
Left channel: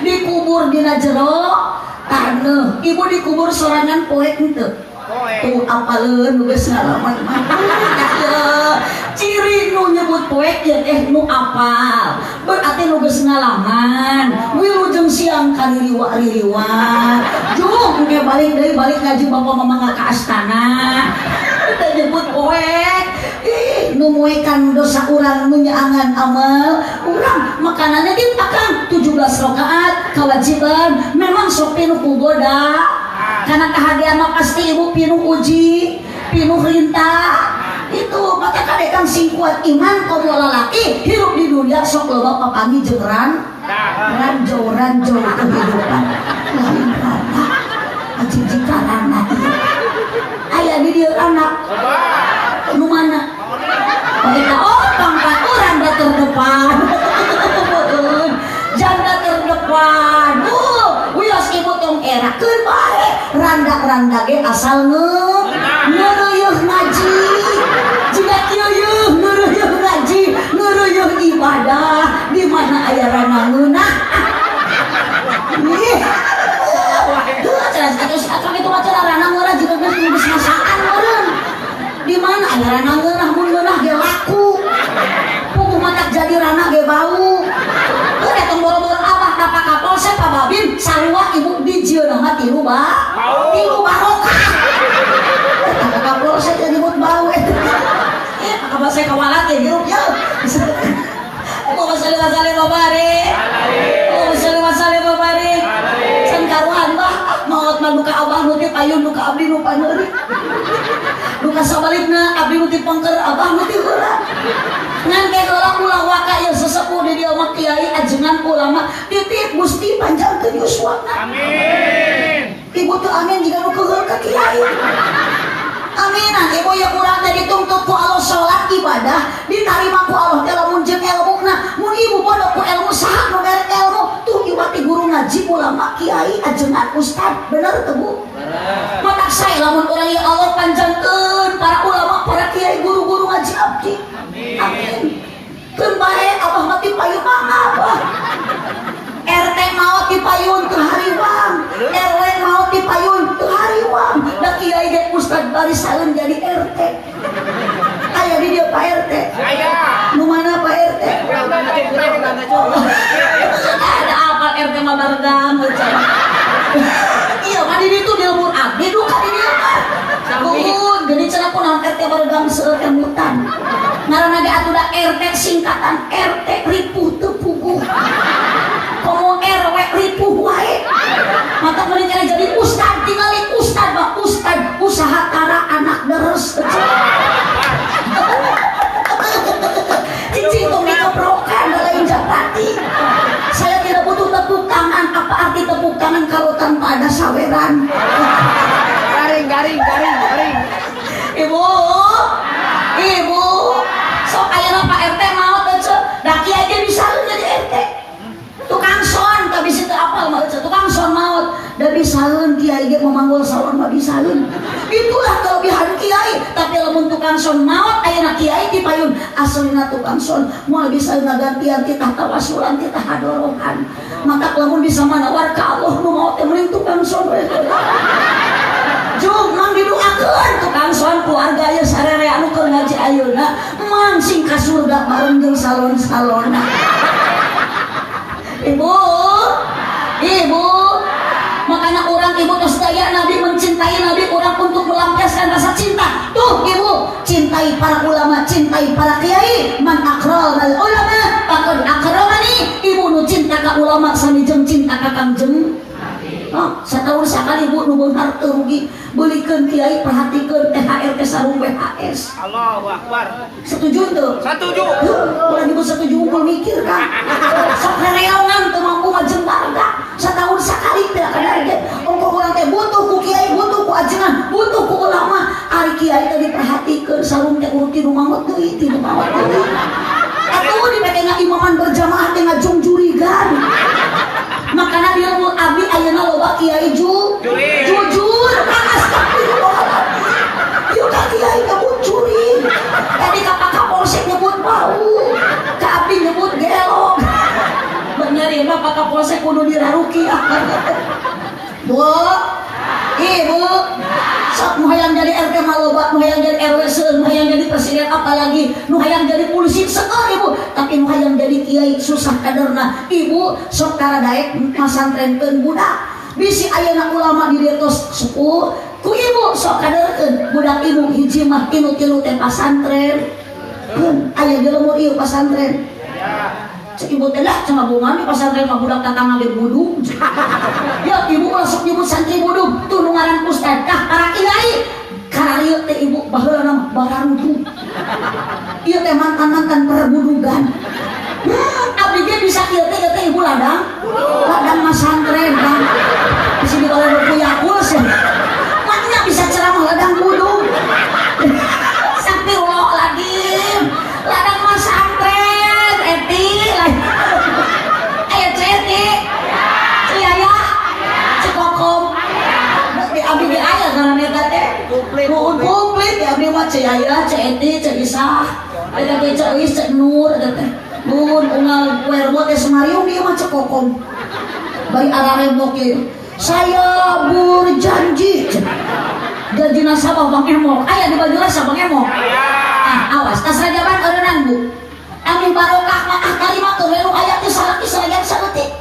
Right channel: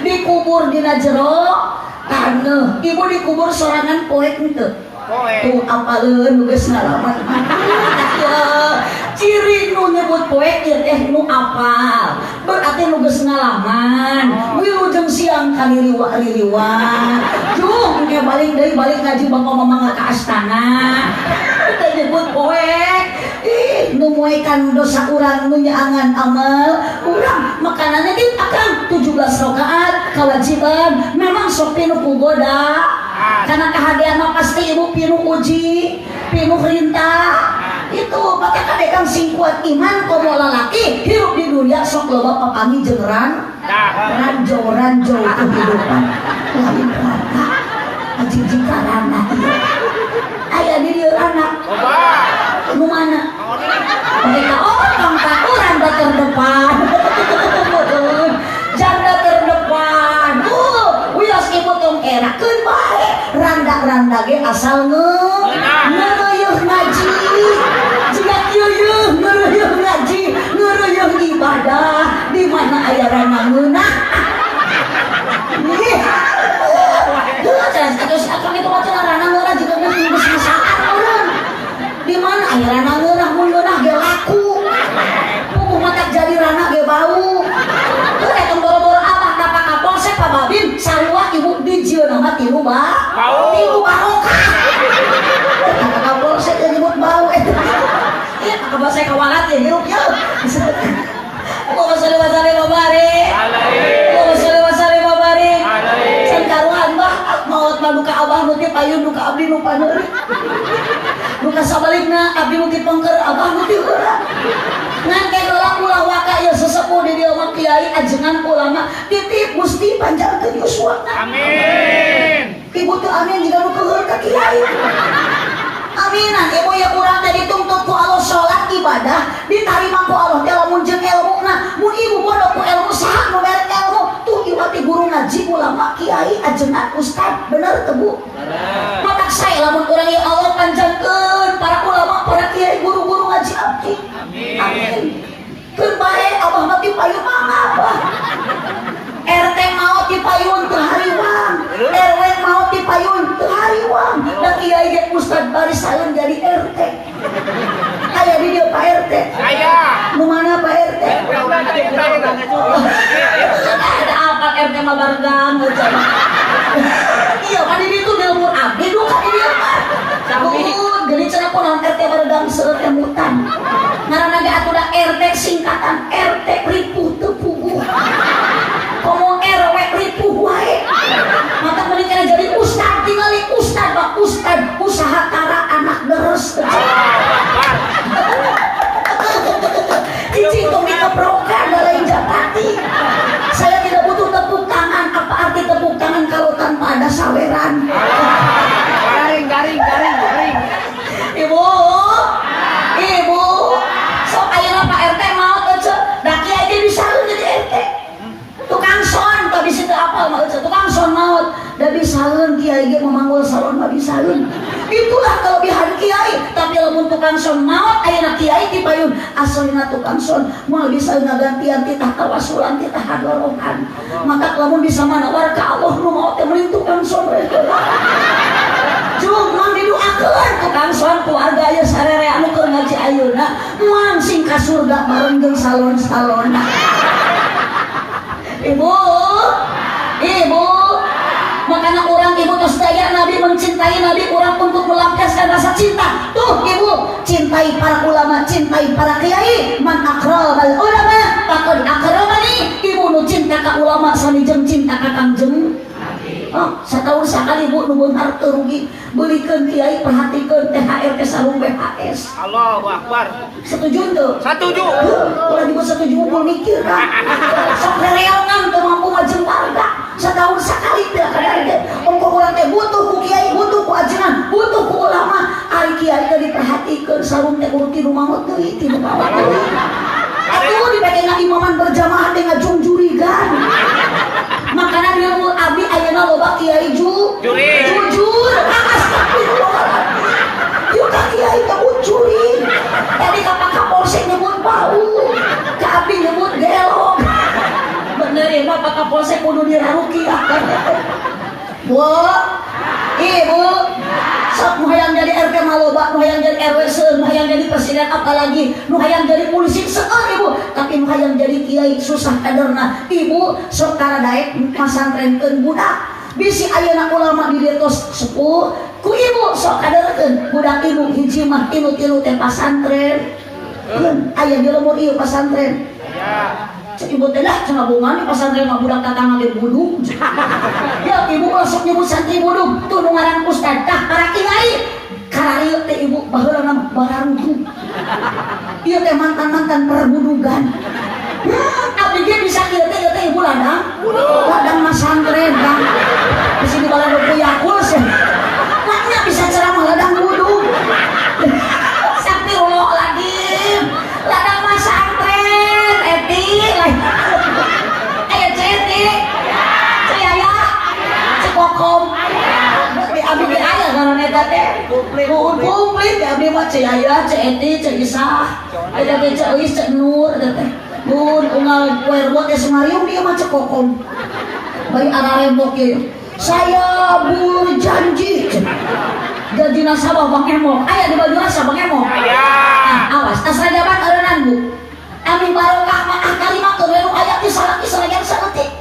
dikubur dina jero taneuh ibu dikubur sorangan poek henteu tuh apaleun geus ngalaman ciri nu nyebut poek ya teh nu apal berarti nu geus ngalaman wilujeng siang kaliliwa jung ge balik deui balik ngaji bapak mama ka astana teh nyebut poek nu muekan dosa urang nu nyaangan amal urang makanannya di akang 17 rakaat kewajiban memang sok pinu kugoda karena kehagian mah pasti ibu pinu uji pinu rintah itu maka kadekang sing kuat iman komo lalaki hidup di dunia sok loba papangi jeung ranjau kehidupan lain rata ajijing karana aya di dieu anak nu mana pangkat randa terdepan janda terdepan wios ibu tong erakeun bae randa ge asal ngeureuh ngaji jika kieu ngeureuh ngaji ngeureuh ibadah di mana aya randa ngeunah terus akang itu macam randa ngeunah juga geus masaan meureun di mana aya randa ngeunah mun ngeunah ge laku puguh matak jadi randa ge bau teu datang boro-boro abah dapat kapolsek Pak Babin sarua ibu dijieun mah tilu barokah kapolsek jadi ibu bau apa saya kewalat ya hirup ya Allahumma sholli wa sallim wa barik Allahumma sholli wa sallim wa barik san karuan bah maot mah duka abah nu teh payun duka abdi nu paneuri duka sabalikna abdi nu teh pangker abah nu teh heurang ngan ke heula ulah waka ya sesepuh di dieu mah kiai ajengan ulama titip Gusti panjangkeun yuswana Amin. ibu teh amin jika nu keueur ka kiai aminan ibu ya kurang tadi tuntut ku Allah sholat ibadah diterima ku Allah teh lamun jeung ilmuna mun ibu pondok ku ilmu saha nu mere ilmu tuh ibu ti guru ngaji ulama kiai ajengan ustad bener teu Bu maka saya lamun urang ya Allah panjangkeun para ulama para kiai guru-guru ngaji abdi amin keun bae abah mah ti payun abah RT maot di payun teu hariwang RW maot di payun teu hariwang da kiai ge ustad baris saeun jadi RT aya di dieu Pak RT Aya. nu mana Pak RT ada apa RT mah baregam iya kan di ditu ilmu abdi du ka di dieu Mah geuning cenah kunaon RT baregam seueur emutan ngaranna ge atuh da RT singkatan RT ripuh teu puguh komo RW ripuh wae mata meureun kana jadi ustad tingali ustad bak ustad usaha tara anak deres cici kiai ge memanggul salon mah bisaeun. Itulah kelebihan kiai. Tapi lamun tukang son maot ayeuna kiai ti payun aslina tukang son moal bisa ngagantian titah tawasulan titah hadorohan. Maka lamun bisa manawar ka Allah nu maot teh mending tukang son we. Jung mang didoakeun tukang son keluarga aya sarere anu keur ngaji ayeuna mang sing ka surga bareng jeung salon-salonna. Ibu, makanya orang ibu tos daya Nabi mencintai Nabi orang untuk melampiaskan rasa cinta. Tuh ibu, cintai para ulama, cintai para kiai. Man akramal ulama, pakun akramani. Ibu nu cinta ka ulama sami jeung cinta ka Kangjeng. Oh, setahun sekali ibu nu beunghar teu rugi beulikeun kiai perhatikeun THR ke sarung BHS. Allahu Akbar. Setuju tuh? Setuju. Ulah ibu setuju ukur mikir kan. Sok rereongan teu mampu ngajeng warga. Setahun sekali teh kadang-kadang ongko urang teh butuh ku kiai, butuh ku ajengan, butuh ku ulama. Ari kiai teh diperhatikeun sarung teh urti nu mangot deui, ti nu mangot deui. Atuh dipake ngaimaman berjamaah teh ngajung jurigan. Makanya dia abdi ayeuna loba kiai jujur. Astagfirullah. Yuk ka kiai nyebut curi. Tadi ka Pak Kapolsek nyebut bau. Ka abdi nyebut gelok. Bener ya Pak Kapolsek kudu diraruki. Bu, ibu, sok nu hayang jadi RT maloba, nu hayang jadi RW seueur, nu hayang jadi presiden apalagi, nu hayang jadi polisi seueur ibu, tapi nu hayang jadi kiai susah kaderna. Ibu sok karadaek masantrenkeun budak. Bisi ayeuna ulama di dieu tos sepuh, ku ibu sok kaderkeun budak ibu hiji mah tilu-tilu teh pasantren. Aya jelema ieu pasantren. Ya. Cek ibu teh dah cenah bungan di pasantren mah budak tatangna ge budung. Ya ibu langsung nyebut santri budung, tuh nu ngaran ustad tah para kiai. Karena ieu teh ibu baheula barantu. Ieu teh mantan-mantan perbudugan. Abdi ge bisa ieu teh ibu ladang. Ladang masantren kan. Di sini kalau ada yakul sih. Maknya bisa ceramah ladang budung. Astagfirullahaladzim. Ladang masantren eti. Ayo ceti. Ciaya. Cikokom. Abdi ge aya karena eta teh. Komplit abdi mah ciaya, ceti, cisah. Ada ge ceus cek nur eta teh. Bun unggal werwa teh semariung dia mah cekokom. Bari arare moke. Saya berjanji. Janji nasabah Bang Emo. Aya di baju rasa Bang Emo. Aya. Awas tas rajaban eureunnan Bu. Amin barokah mah kalimat teu aya ti salaki salayan saeutik.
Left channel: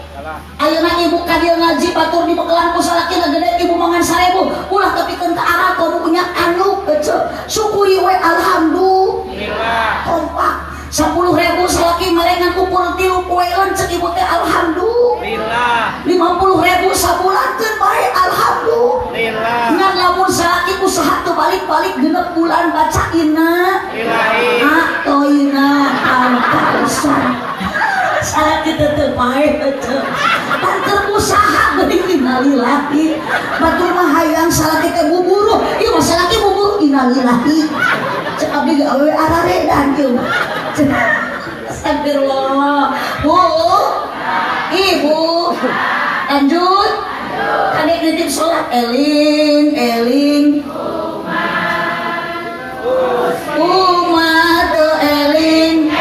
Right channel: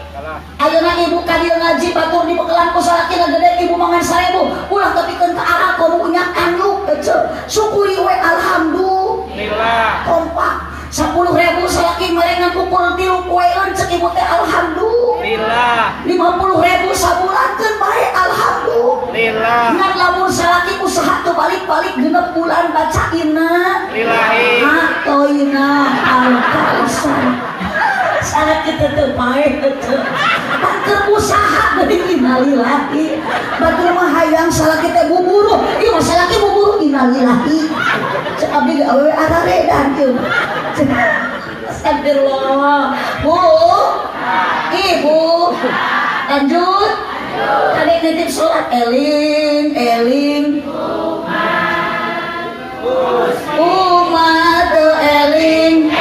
Ayeuna ibu ka dieu ngaji batur di bekelan ku salakina gede ibu mangan 1000. Ulah tepikeun ka arah komo punya anu ece. Syukuri we alhamdulillah. Kompak 10.000 salaki merengan ukur 3 poeun cek ibu teh alhamdulillah. 50.000 sabulankeun bae alhamdulillah. Ngan lamun salaki usaha teu balik-balik 6 bulan bacaina lillahi atoina al-kausar. Salaki teh teu bae teu. Banter usaha beuting innalillahi. Batur mah hayang salaki teh buburu. Ieu mah salaki buburu innalillahi. Cek abdi ge awewe arare dan kieu. Astagfirullah. Bu, ibu, lanjut. Tadi titip sholat eling. Umat eling.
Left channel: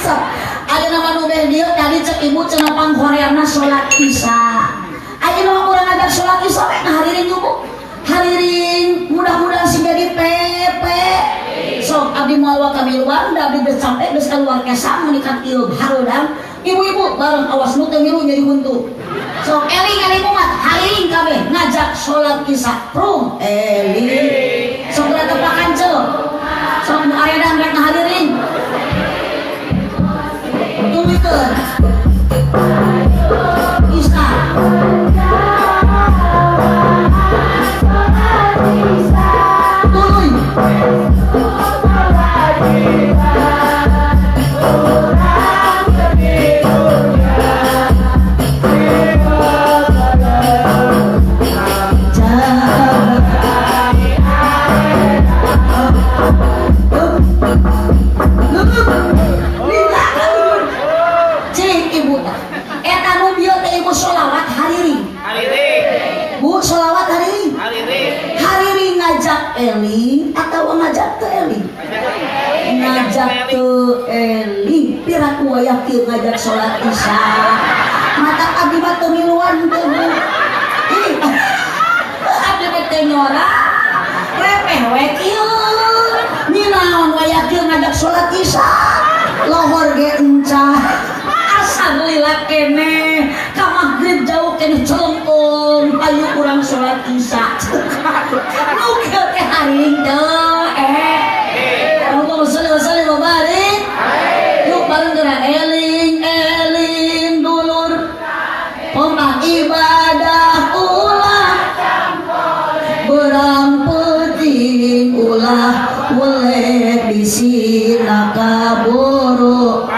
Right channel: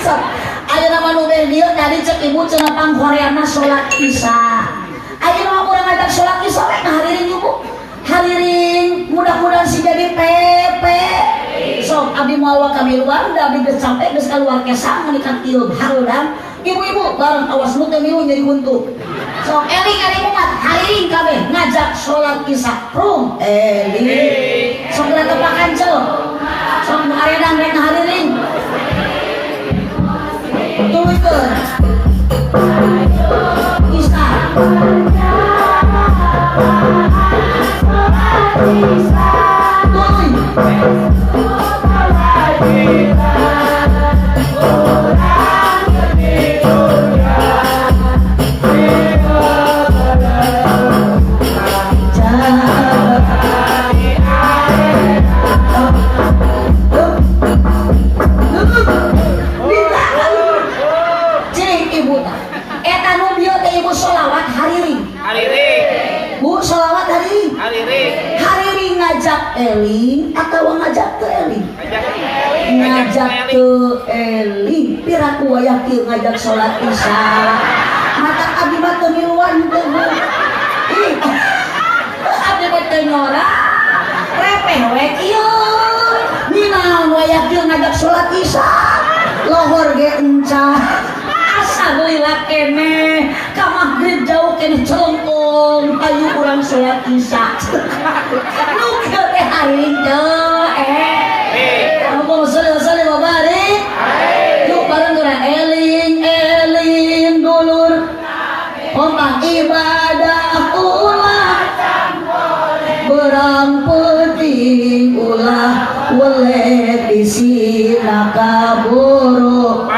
So, ada nama nubeh dia tadi cek ibu cenah panghoreana sholat isya. Ayo nama orang ngajak sholat isya, hadirin ibu. Hadirin, mudah-mudahan sih jadi pepe. Sok abdi mawa kami luar, abdi geus sampai geus kaluar kesa menikah ieu harudang. Ibu-ibu bareng awas nu teu milu jadi huntu. Sok eling umat, hadirin kabeh ngajak sholat isya. Rum eling. Sok tepakan cel. Sok aredan rek hadirin. Tuluikeun. Isya. Tuluy. ngajak teu eling pira ku aya kieu ngajak salat Isya mata abdi mah teu miluan teu ih abdi mah teu nyora repeh we kieu ninaon we kieu ngajak salat Isya lohor ge encah asa lila kene ka magrib jauh kene celengkung ayu urang salat Isya nu kieu teh hari teu Allahumma sholli wa sallim wa barik yuk bareng geura eling eling dulur omah ibadah ulah berang penting ulah weleh bisina kaburu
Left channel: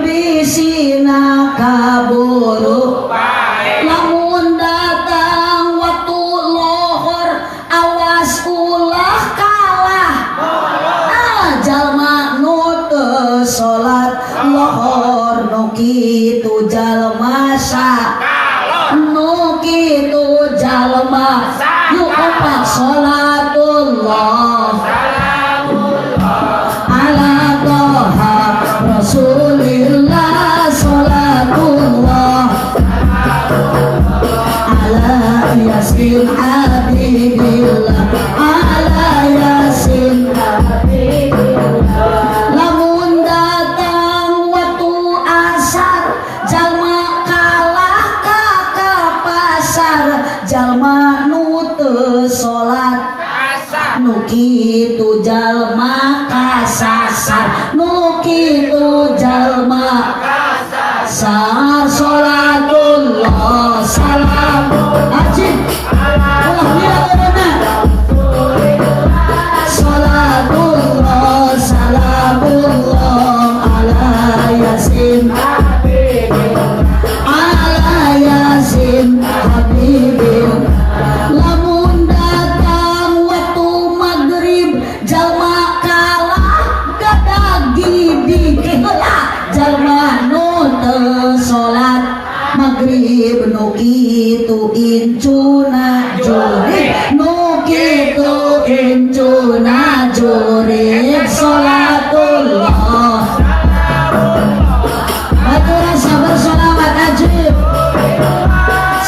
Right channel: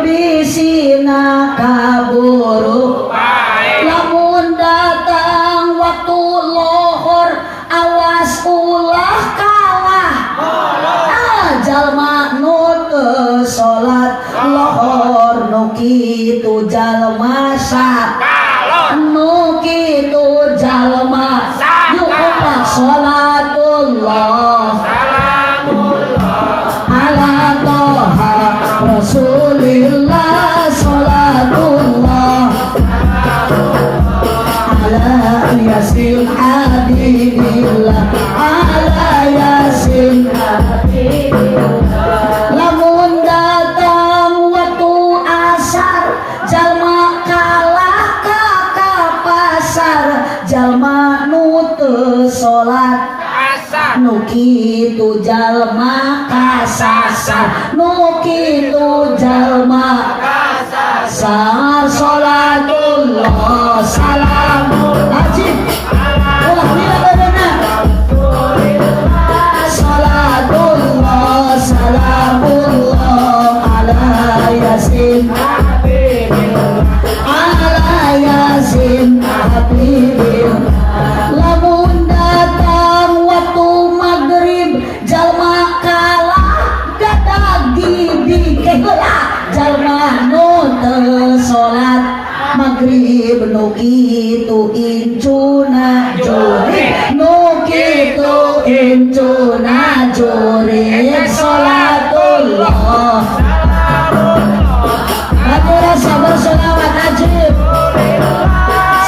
bisina kaburu lamun datang waktu lohor awas ulah kalah jalma nu teu salat lohor nu kitu jalma nu kitu jalma yuk upat salatullah ala toha rasulillah salatullah ala yasin habibillah ala yasin lamun datang waktu asar jalma kalah ka pasar jalma nu teu salat nu kitu jalma kasasar nu kitu jalma kasasar salatullah salam ajib ulah bila beuna salatullah salamullah ala yasin ala yasin habibil lamun datang waktu magrib jalma kalah gadag gibi keheula jalma nu teu salat magrib nu kitu incuna jori nu kitu incuna jori salatullah batura sabar sholawat ajib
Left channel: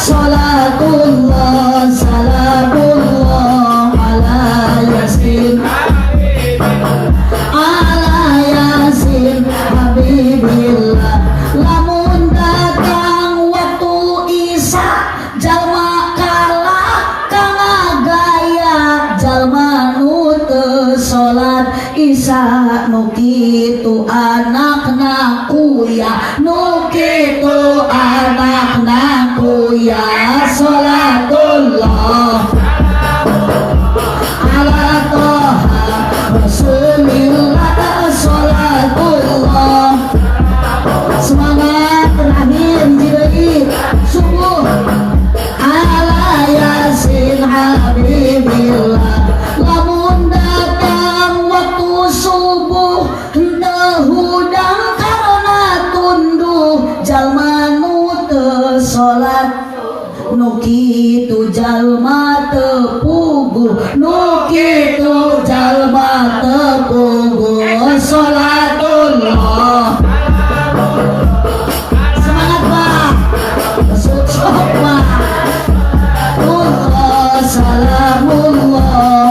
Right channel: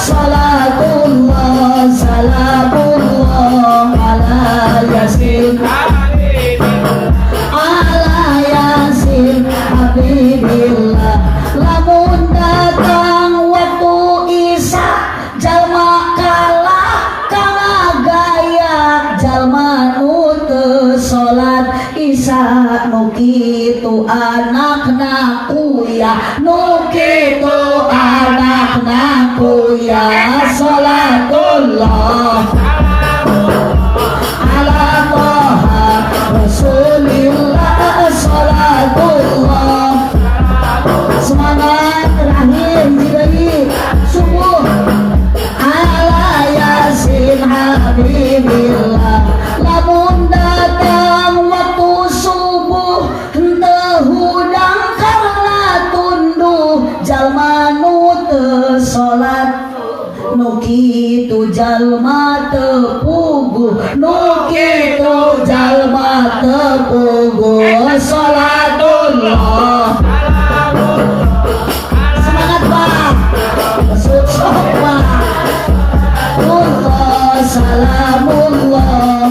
salatullah salamullah ala yasin ala yasin habibillah lamun datang waktu Isya jalma kalah kana gaya jalma nu teu salat Isya nu kitu anakna kuya nu kitu anakna kuya salatullah ala toha rasulillah salatullah semangat terakhir jadi subuh ala yasin habibillah lamun datang waktu subuh teu hudang karena tunduh jalma nu teu salat nu kitu jalma teu puguh nu kitu jalma teu puguh salatullah semangat Pak sok Pak Allah salamullah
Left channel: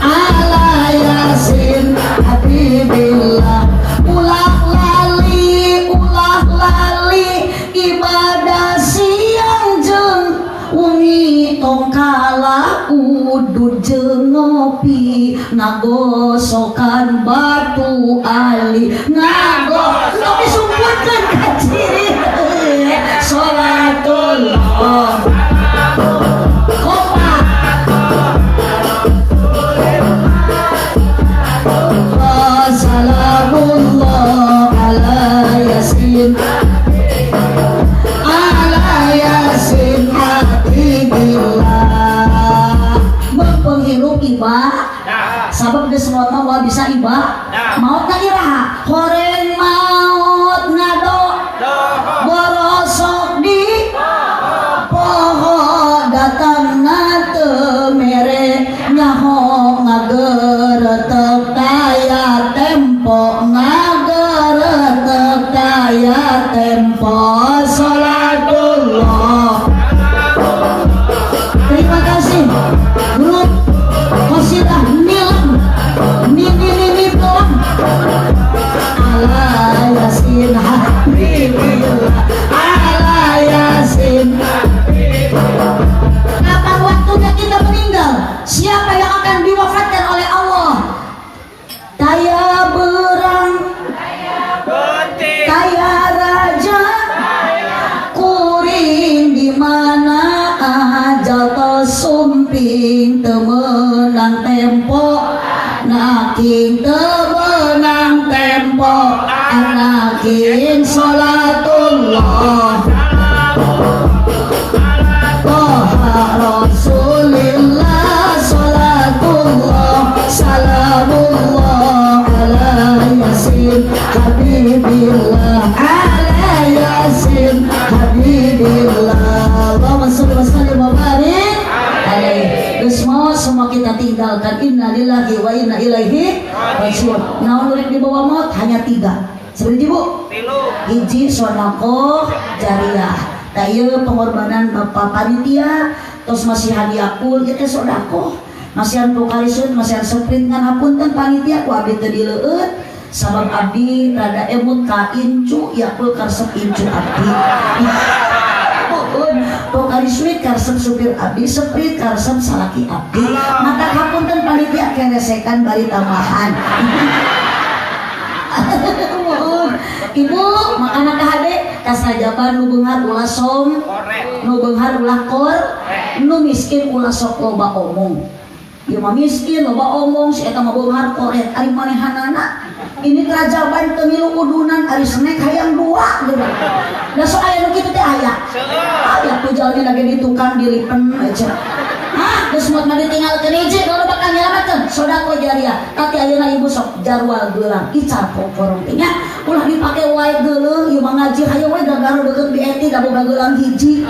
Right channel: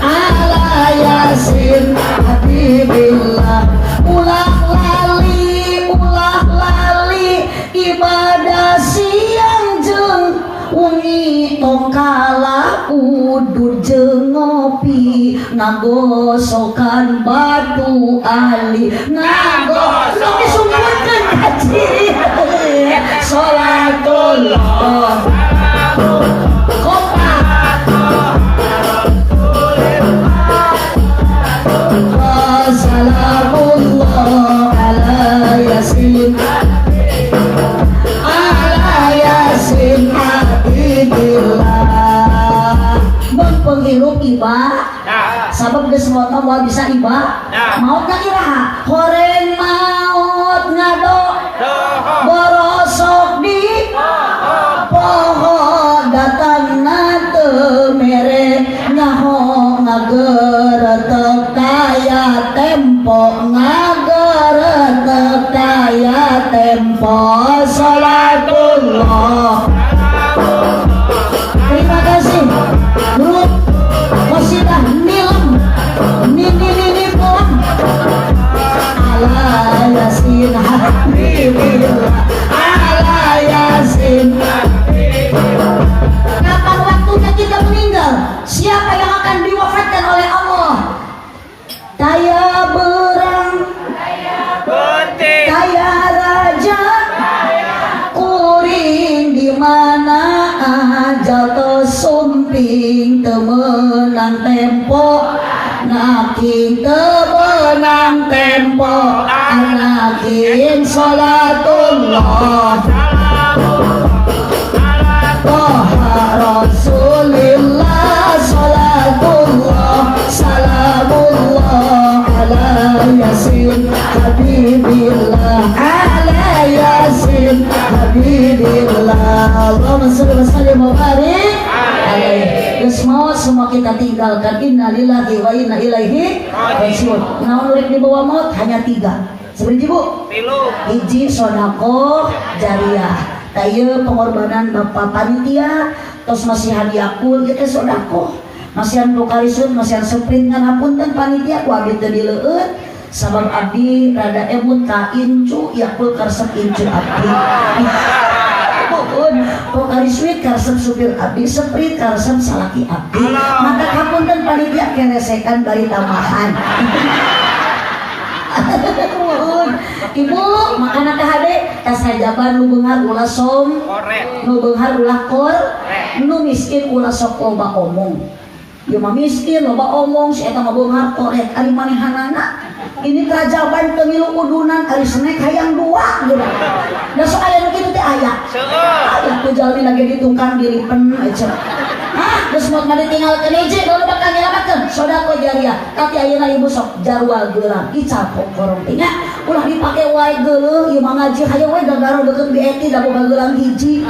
ala yasin habibillah ulah lali ibadah siang jeung wengi tong kala udud jeung ngopi ngagosokan batu ali tapi sumputkeun ka ciri salatullah salamullah ala yasin ala yasin habibillah menghirup iba sabab geus semua mah bisa iba maut na iraha horeng maut ngado borosok di poho datang na teu mere nyaho akan diwafatkan oleh Allah. Daya berang, Putih. daya raja, kuring di mana aja to sumping temenang tempo, naking temenang tempo, anaking sholatullah. Toha Rasulillah, salatullah, salamullah ala yasin habibillah, ala yasin habibillah. Allahumma sholli wa sallim wa barik alaihi. Semua kita tinggalkan. Innalillahi wa inna ilaihi raji'un. Naon urip di bawah maut hanya 3. Seperti Bu, Tilu. hiji sodako jariah, daya pengorbanan bapak panitia, terus masih hadiahpun kita sodako, masihan pokarisun, masihan sprint kan hapunten panitia ku abdi teu dileueut sabab abdi rada emut ka incu yakul karesep incu abdi. Pokariswit karesep supir abdi, sprint karesep salaki abdi. Maka hapunten panitia keresekan bari tambahan. Ibu makanan kahade kasajaban nu beunghar ulah som, Korek. nu beunghar ulah kor, nu miskin ulah sok loba omong. Ieu mah miskin loba omong, si eta mah beunghar koret ari manehanana. Ini kerajaban teu milu udunan ari snack hayang 2 gitu. Da sok aya nu kitu teh aya. Seueur. Aya tuh jalmi lagi di tukang dilipen aja. Hah, geus mot mah ditinggalkeun hiji kalau bakal nyelamatkeun sodako jariah. Tapi ayeuna ibu sok jarwal geulang ical pokorong teh nya. Ulah dipake wae geuleuh ieu mah ngaji hayu we gagaru deukeut BNT da boga geulang hiji.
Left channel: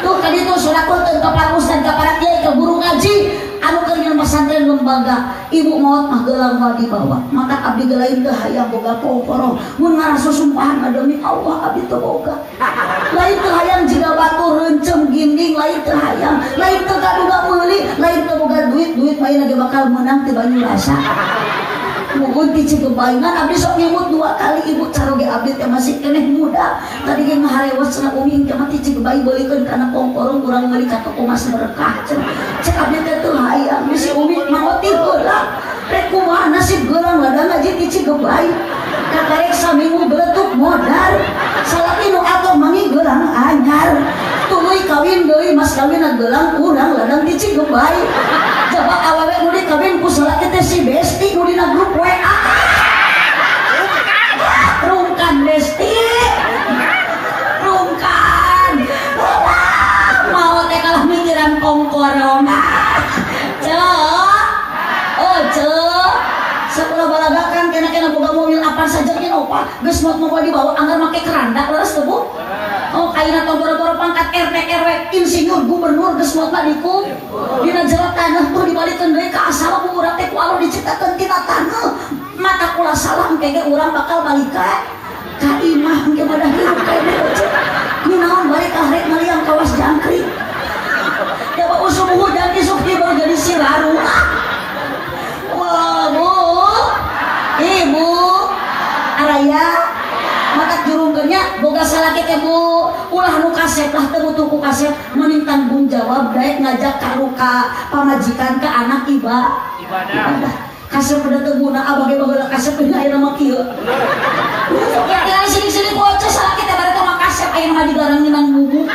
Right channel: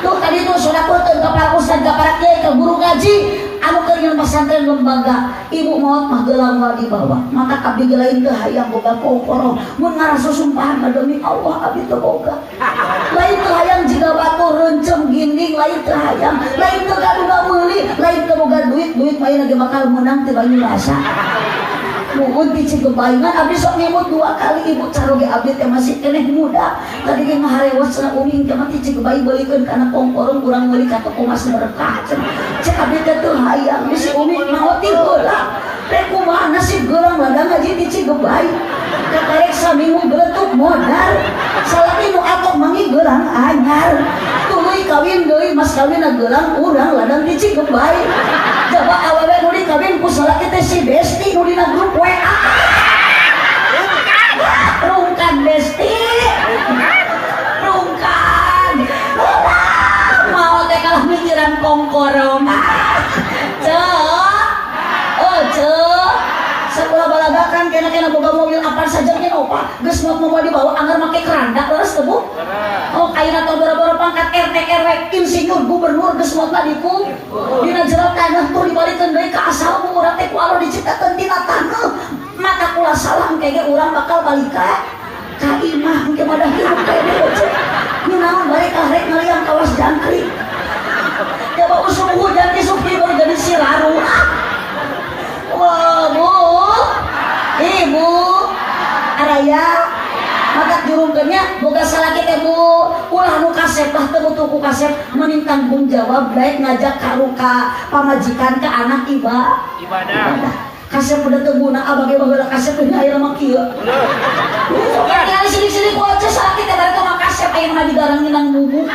Tuh tadi tuh sodako teu ka para ustad ka para kiai ka guru ngaji anu keur nyeun pesantren lembaga. Ibu maot mah geulang wae dibawa. Maka abdi gelain teu hayang boga pokorong. Mun ngaraso sumpahan demi Allah abdi teu boga. Lain teu hayang jiga batu reuncem ginding, lain teu hayang, lain teu gaduga meuli, lain teu boga duit mah ieu ge bakal menang ti banyu rasa. Nuhun ti cigebaingan abdi sok nyebut 2 kali ibu caroge abdi teh masih keneh muda. Tadi ge ngaharewas cenah uning teh mah ti cigebai beulikeun kana pongkorong urang meuli ka toko mas berkah. Cek abdi teh teu hayang bisi uning maot ti heula. Rek kumaha nasib geulang ladang ngaji ti cigebai. Kakarek saminggu beletuk modal. Salaki nu atok mangi geulang anyar. Tuluy kawin deui mas kawinna geulang urang ladang ti cigebai. Coba awewe nu dikawin ku salaki teh si Besti nu dina grup WA. Rungkan Besti. Rungkan. Mau teh kalah mikiran kongkorong. Sekolah balagakan kena boga mobil apa saja nya opa geus mau dibawa anggar make keranda leres teu Bu. Oh kaina tong boro-boro pangkat RT RW insinyur gubernur geus mau dikum dina jero tanah tuh dibalikeun deui ka asal ku urang teh ku Allah diciptakeun tina taneuh mata kula salam kege urang bakal balik ka imah engke madah hirup ka dieu nya naon balik ka rek maliang kawas jangkrik coba usum hujan di supi baru jadi siraru. Wah Bu, ibu, araya, maka jurungkeunnya boga salaki teh Bu, ulah nu kasep lah teu tuku kasep, mending tanggung jawab daek ngajak ka pamajikan ka anak Ibadah. Kasep pada teu guna abage baheula kasep teh aya mah kieu. Kali sini-sini bocah salaki teh bari teh mah kasep aya mah digarang nang bubu.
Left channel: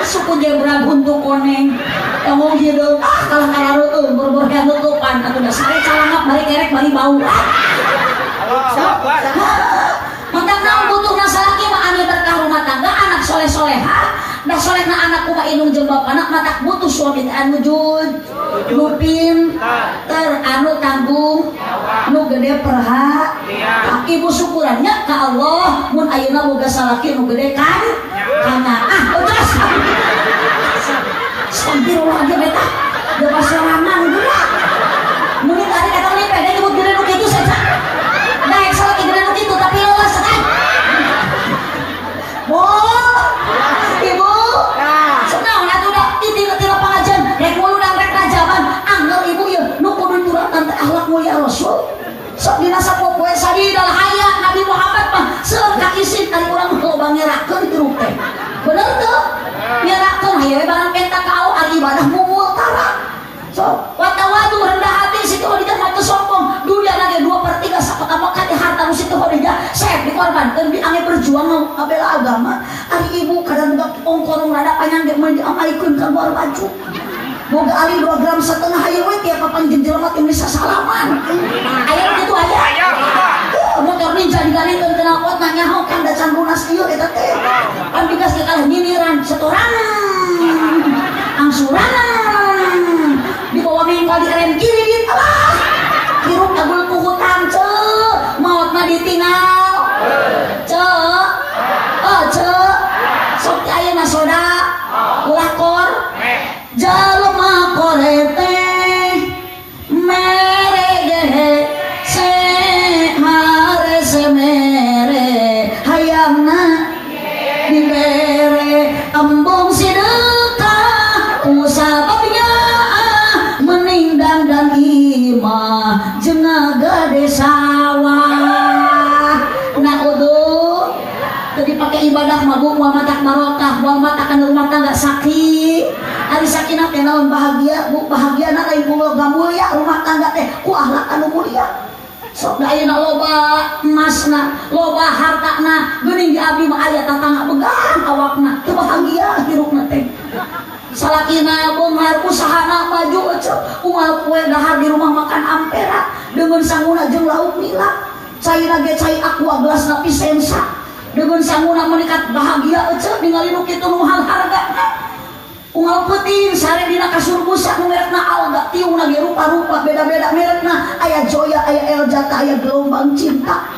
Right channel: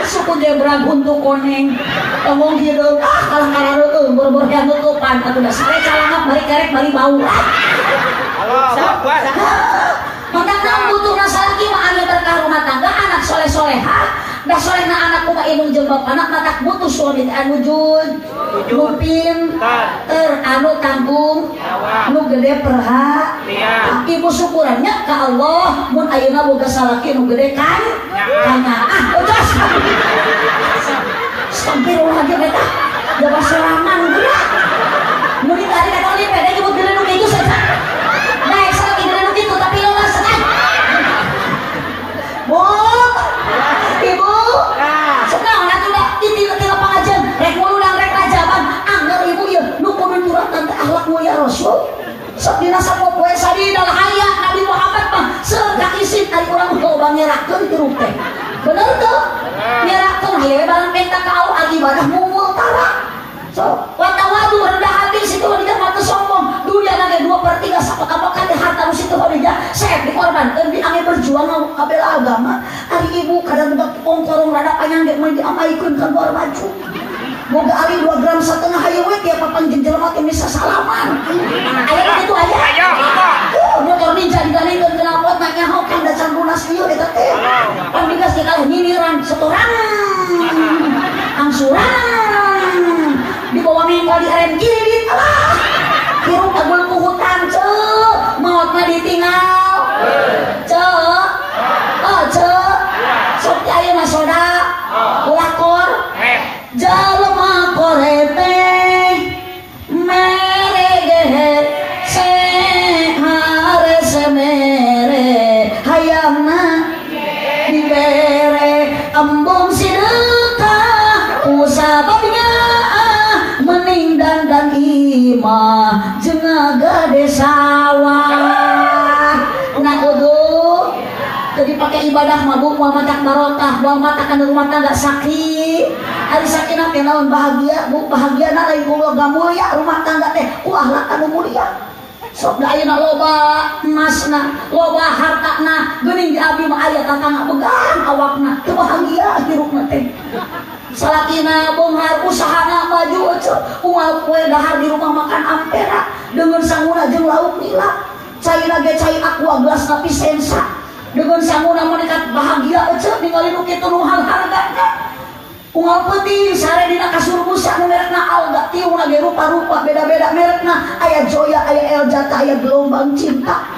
Suku dia berang untuk koneng ngomong hidup kalah karareueun bor-bor yang tutupan atuh da sare calangat bari kerek bari bau. Allahu Akbar. Mantap naon butuhna salaki mah anu berkah rumah tangga anak soleh-soleha da solehna anak kumaha indung jeung bapana matak butuh suami anu jujur mupin ter anu tanggung nu gede perhatian. Ibu syukurannya ka Allah mun ayeuna boga salaki nu gede kan kana terus Astagfirullah ge beta da pasorangan geura mun tadi kata ni pede nyebut gede nu kitu saja naik salaki gede nu kitu tapi lolos kan Bu ibu senang atuh da tila pangajian rek muludang rek rajaban angger ibu ieu nu pemimpinan tante akhlak mulia Rasul sok dina sapopoe sadina hayang Nabi Muhammad mah seueur ka isin ari urang loba ngerakeun ti rup teh bener teu ngerakeun haye barang penta kau ari ibadah mungul tara so watawadu bela agama. Ari ibu kadang budak ongkorong rada panjang ge mah diamalikeun ka luar baju. Boga ali 2 gram setengah hayu we tiap papan jelema teh bisa salaman. Aya kitu aja. Ayo, lupa. Motor ninja diganengkeun kana pot nanya ho kan da can lunas ieu eta teh. Pan digas ge kalah nyiniran setoran. Angsuran. Dibawa minggu di rem kiri dit alah. Hirup agul ku hutang ceu. Maot mah ditinggal. Ceu. Oh ceu. Sok teh ayeuna soda. Lakor. Jalma korete merege se hare semere hayangna dibere embung sideka usababnya mening dan imah jengaga desawa nah kudu tadi pakai ibadah mabuk wa matak barokah wa matak kana rumah tangga sakit ari sakinah teh naon bahagia bu bahagiana lain boga mulia rumah tangga teh ku akhlak anu mulia sok da ayeuna loba emasna loba hartana geuning di abdi mah aya tatangga began awakna teu bahagia hirupna teh salakina beunghar usahana maju ece unggal kue dahar di rumah makan ampera dengan sanguna jeung lauk nila cai lage cai aqua gelas napi sensa dengan sanguna menekat bahagia ece ningali nu kitu nu hargana unggal penting sare dina kasur busa nu merekna alga tiung lagi rupa-rupa beda-beda merekna aya joya aya eljata aya gelombang cinta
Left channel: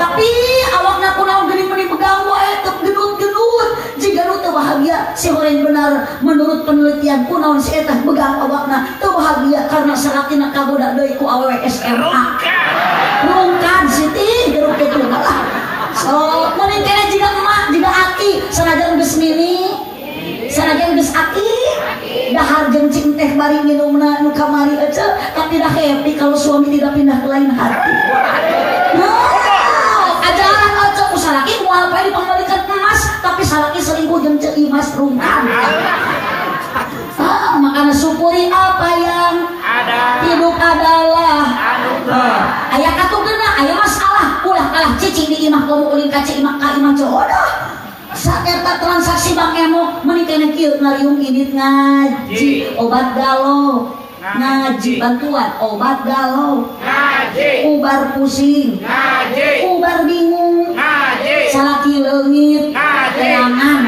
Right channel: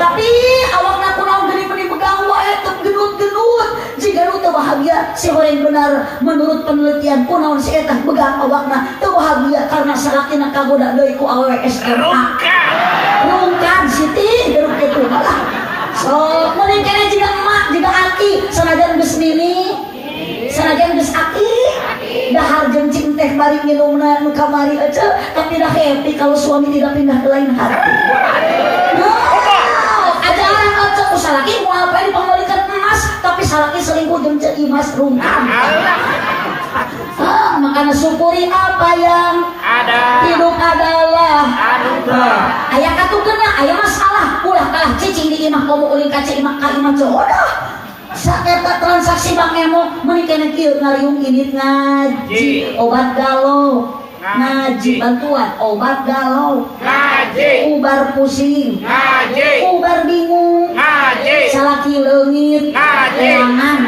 tapi awakna kunaon geuning-geuning pegang wae teu gendut-gendut jika nu teu bahagia si horeng benar menurut penelitian kunaon si eta begang awakna teu bahagia karena salakina kagoda deui ku awewe SMA rungkan siti geruk kitu lah so mending kene jiga emak jiga aki sanajan geus mini sanajan geus aki dahar jeung cing teh bari minumna nu kamari aja tapi dah happy kalau suami tidak pindah ke lain hati. Ajaran aja ku salaki moal bae dipangbalikeun emas tapi salaki selingkuh jeung ceu imas rungkan. Makanya syukuri apa yang ada. Hidup adalah Anugerah. Aya katugeuna aya masalah ulah kalah cicing di imah komo ulin ka imah ka imah jodoh. Saeta transaksi bank emo menikene kieu ngariung init ngaji obat galau ngaji bantuan obat galau Ngaji. ubar pusing Ngaji. ubar bingung Ngaji. salaki leungit Ngaji. leangan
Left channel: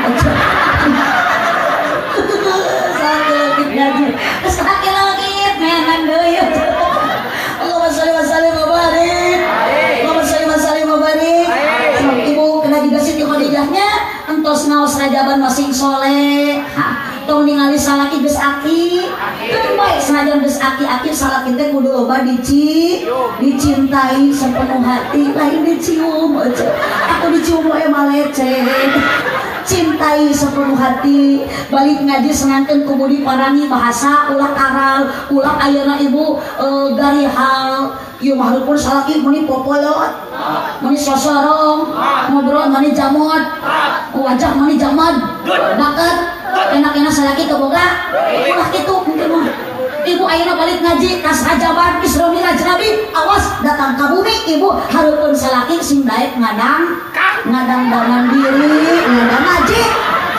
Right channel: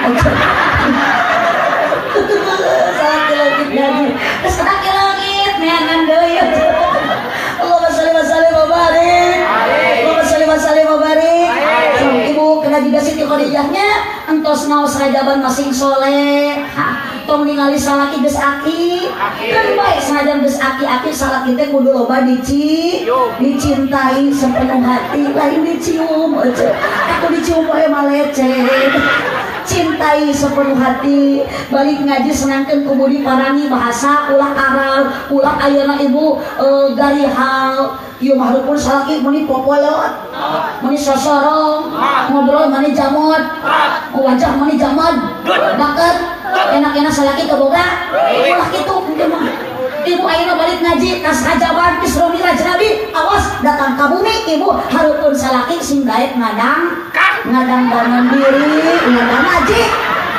salaki leungit ngaji terus salaki leungit meangan deui Allahumma sholli wa sallim wa barik Allahumma sholli wa sallim wa barik ibu kena juga Siti Khadijahnya entos naos rajaban masing soleh tong ningali salaki geus aki kan bae senajan geus aki salaki teh kudu loba dicintai sepenuh hati lain dicium aja aku dicium wae malecet cintai sepenuh hati balik ngaji senangkeun kudu diparangi bahasa ulah aral ulah ayeuna ibu garihal ieu mah pun salaki meuni popolot meuni sosorong ngobrol meuni jamot wajah meuni jamad bakat enak-enak salaki teu boga ulah kitu mah ibu ayeuna balik ngaji tas rajaban Isra Miraj Nabi awas datang ka bumi ibu hareupeun salaki sing daek ngadang dangan diri ngadang ngaji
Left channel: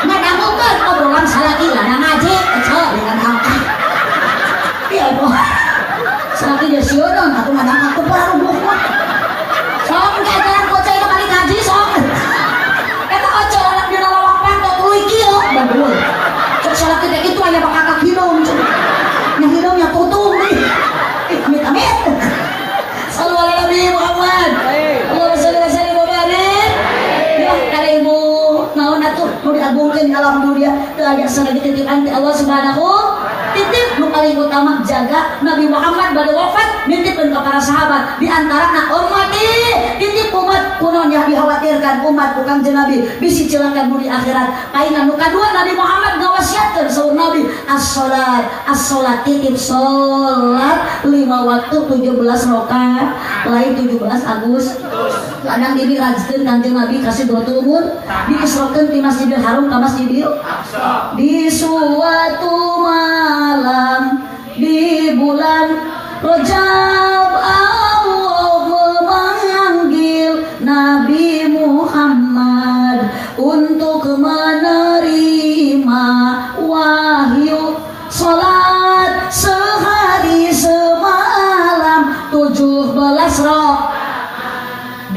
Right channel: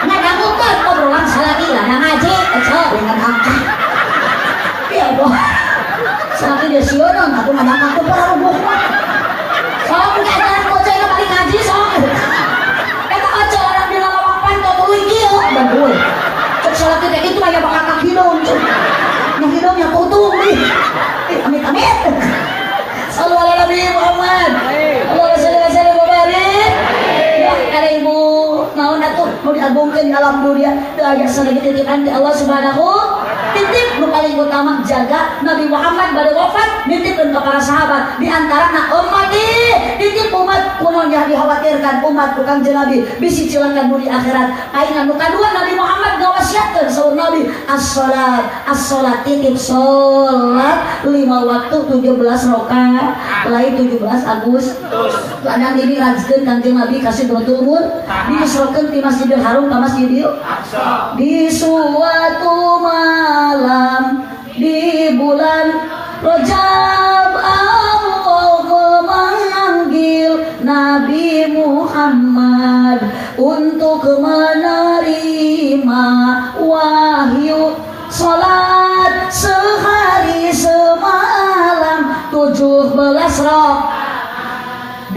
ngadangukeun obrolan salaki ngadang ngaji ece dengan angka iya ibu salaki dia siodong atuh ngadang aku baru bohong sok ngajaran kocai na balik ngaji sok eta kocai anak dina lawak pantai tuluy kieu bagus cek salaki teh itu aya bakakak hidung nah hidungnya tutung nih amit-amit sallallahu alaihi Nabi Muhammad Allahumma sholli wa sallim wa barik ya kada ibu naon atuh nu diagungkeun di alam dunia teu aya sadaya titipan ti Allah Subhanahu titip nu paling utama jaga Nabi Muhammad bade wafat nitipkeun ka para sahabat di antarana ummati titip umat kunaon yang dikhawatirkan umat tukang Nabi bisi cilakan di akhirat paingan nu kadua Nabi Muhammad ngawasiatkeun saur Nabi as-salat titip salat 5 waktu 17 rakaat lain 17 Agustus lanang diri rajkeun Kanjeng Nabi kasih turun diisrokeun ti Masjidil Haram ka Masjidil Aqsa di suatu malam di bulan Rajab Allah memanggil Nabi Muhammad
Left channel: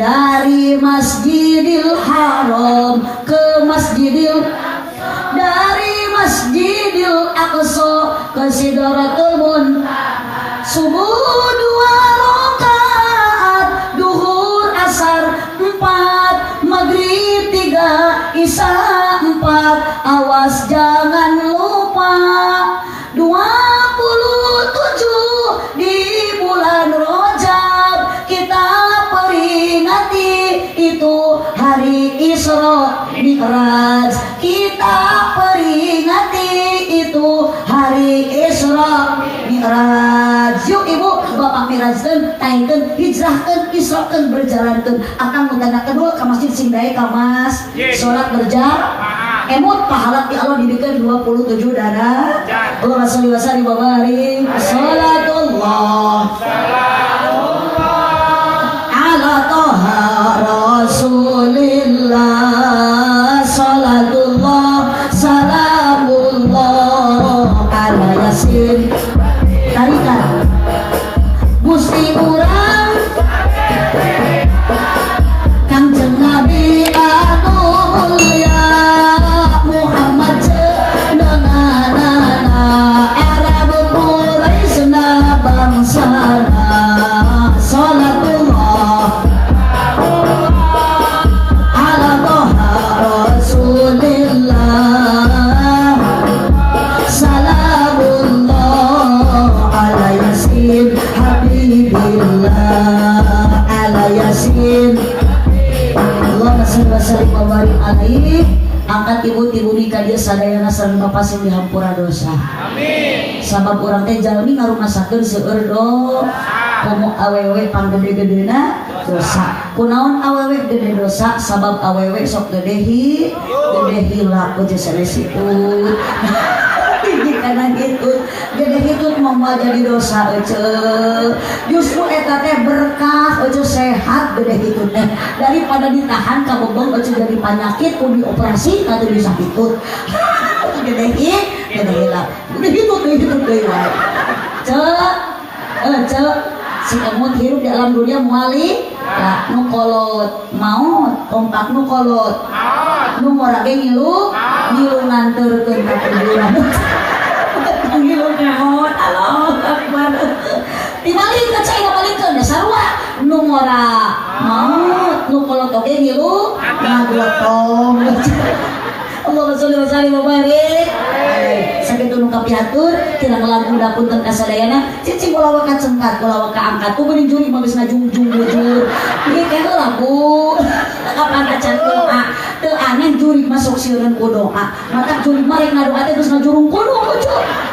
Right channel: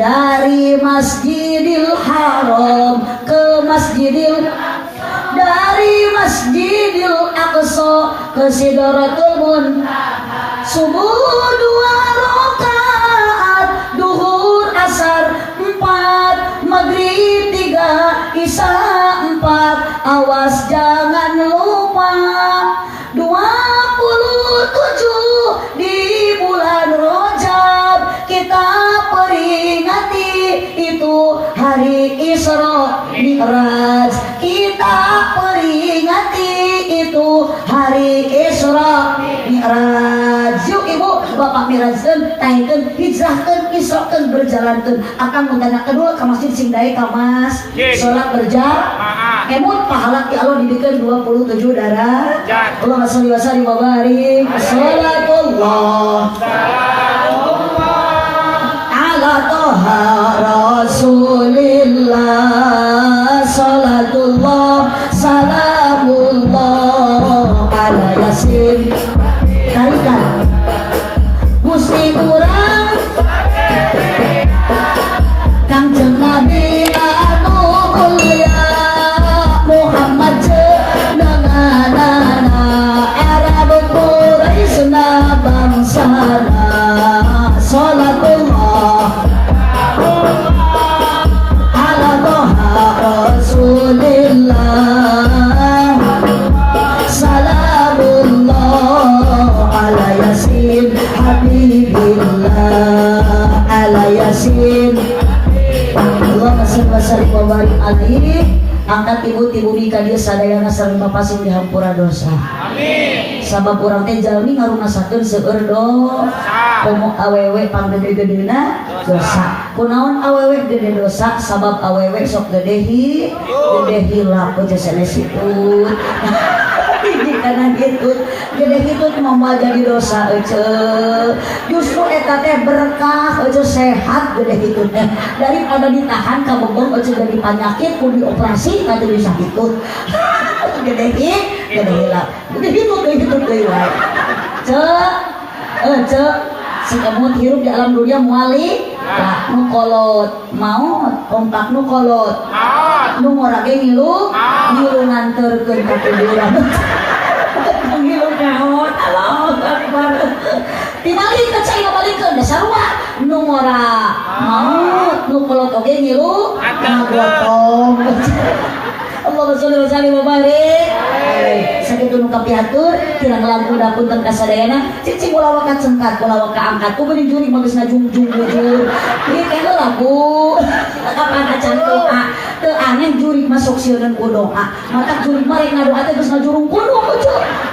dari Masjidil Haram ke Masjidil, dari Masjidil Aqsa ke Sidratul Muntaha. Subuh 2 rakaat, duhur asar 4, maghrib 3, isya 4. Awas jangan lupa 27 di bulan Rajab kita peringati itu hari Isra Mi'raj. Kita peringati itu hari Isra Mi'raj. Yuk ibu bapak mirajkeun, taingkeun, hijrahkeun, israkeun, berjalankeun. Akang mutana kedua ka masjid Singdae ka Mas. Salat berjamaah. Emut pahala ti Allah didikeun 27 darah. Allahumma sholli wa sallim wa barik. Salatullah ala toha Rasulillah. Salatullah salamullah ala Yasin. Tarikan Gusti urang Kangjeng Nabi anu mulia Muhammad jenenganana Arab Quraisna bangsana. Salatullah ala toha Rasulillah. Salamullah ala Yasin Habibillah ala Yasin. Allahumma sholli wa sallim wa barik alaihi. Angkat ibu-ibu nikah dia sadayana sareng papasin dihampura dosa. Amin. Sabab urang teh jalmi ngarumasakeun seueur dosa. Komo awewe panggede-gedena dosa. Kunaon awewe gede dosa? Sabab awewe sok gede hilap aja sanesipun. Ini karena hitut gede hitut mau jadi dosa ece. Justru eta teh berkah ece, sehat gede hitutnya daripada ditahan ka bobong ece jadi penyakit kudu dioperasi atau bisa hitut. Gede hilap gede hitut deui wae ece si kemut hirup di alam dunia muali ya nu kolot maut kompak nu kolot nu ngorage ngilu nganterkeun ka kuburan. Ngilu naon Allahu Akbar. Dibalik cai balikeun da sarua nu ngora maut nu kolot oge ngilu ngagotong. Allahumma sholli wa sallim wa barik. Sakitu nu kapiatur tina ngelamun punten kasadayana cicing ulah wakat sengkat ulah waka angkat ku geuning juri mah geus ngajung-jung bujur. Ieu teh heula Bu. Kapan acan doa teu aneh juri masuk sieun ku doa. Mata juri mah rek ngadoa teh geus ngajurung kudu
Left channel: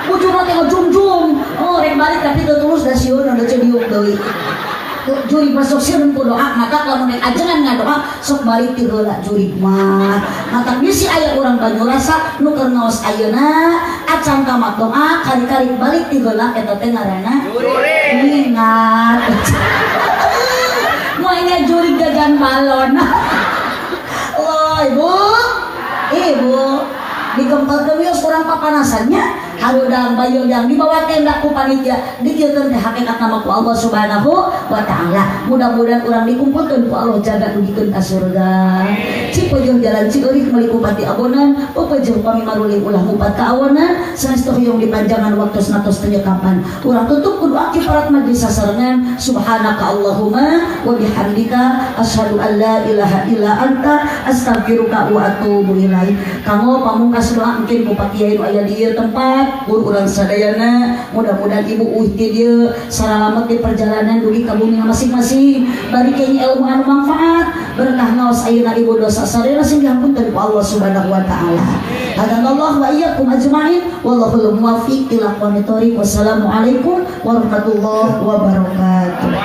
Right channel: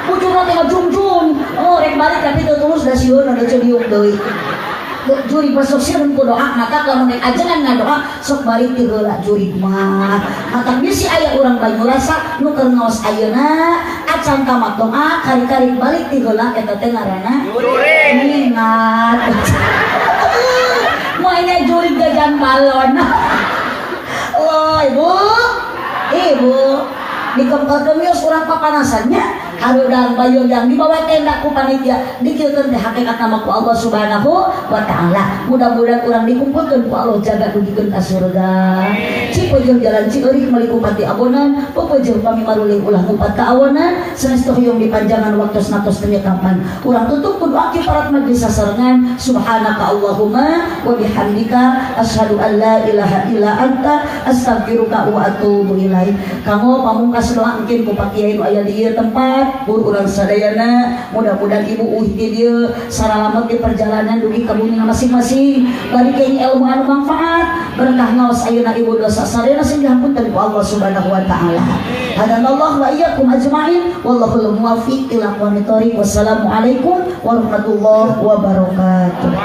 bujur teh ngajung-jung. Oh rek balik tapi teu tulus da sieun anu diuk deui. Juri masuk sieun ku doa mata lamun rek ajengan ngadoa sok balik ti heula juri mah. Mata bisi aya urang Banyurasa nu keur ngaos ayeuna acan tamat doa kari-kari balik ti heula eta teh ngaranna juri. Ingat. Moanya juri gagan balon. Oh ibu dikempelkeun wios urang papanasannya harudang bayudang dibawa tenda ku panitia dikeukeun teh hakikat nama ku Allah Subhanahu wa taala. Mudah-mudahan urang dikumpulkeun ku Allah jaga dugikeun ka surga. Cipeueuh jalan cieurik meuli kupati abonan, pepeueuh pami maruling ulah mupat ka awanan, sanestu hoyong dipanjangan waktu natos penyekapan. Urang tutup ku doa kifarat majlis sasarengan. Subhanaka Allahumma wa bihamdika asyhadu an la ilaha illa anta astaghfiruka wa atubu ilaik. Kanggo pamungkas doa mungkin ku pakiai nu aya di ieu tempat urang sadayana mudah-mudahan ibu uih ti dieu salalamet di perjalanan dugi ka bumi masing-masing bari kenya ilmu anu manfaat berkah ngaos ayeuna ibu dosa sadayana sing dihampunkeun ku Allah Subhanahu wa taala. Hadanallahu wa iyyakum ajmain wallahul muwaffiq ila aqwamit thoriq. Wassalamualaikum warahmatullahi wabarakatuh.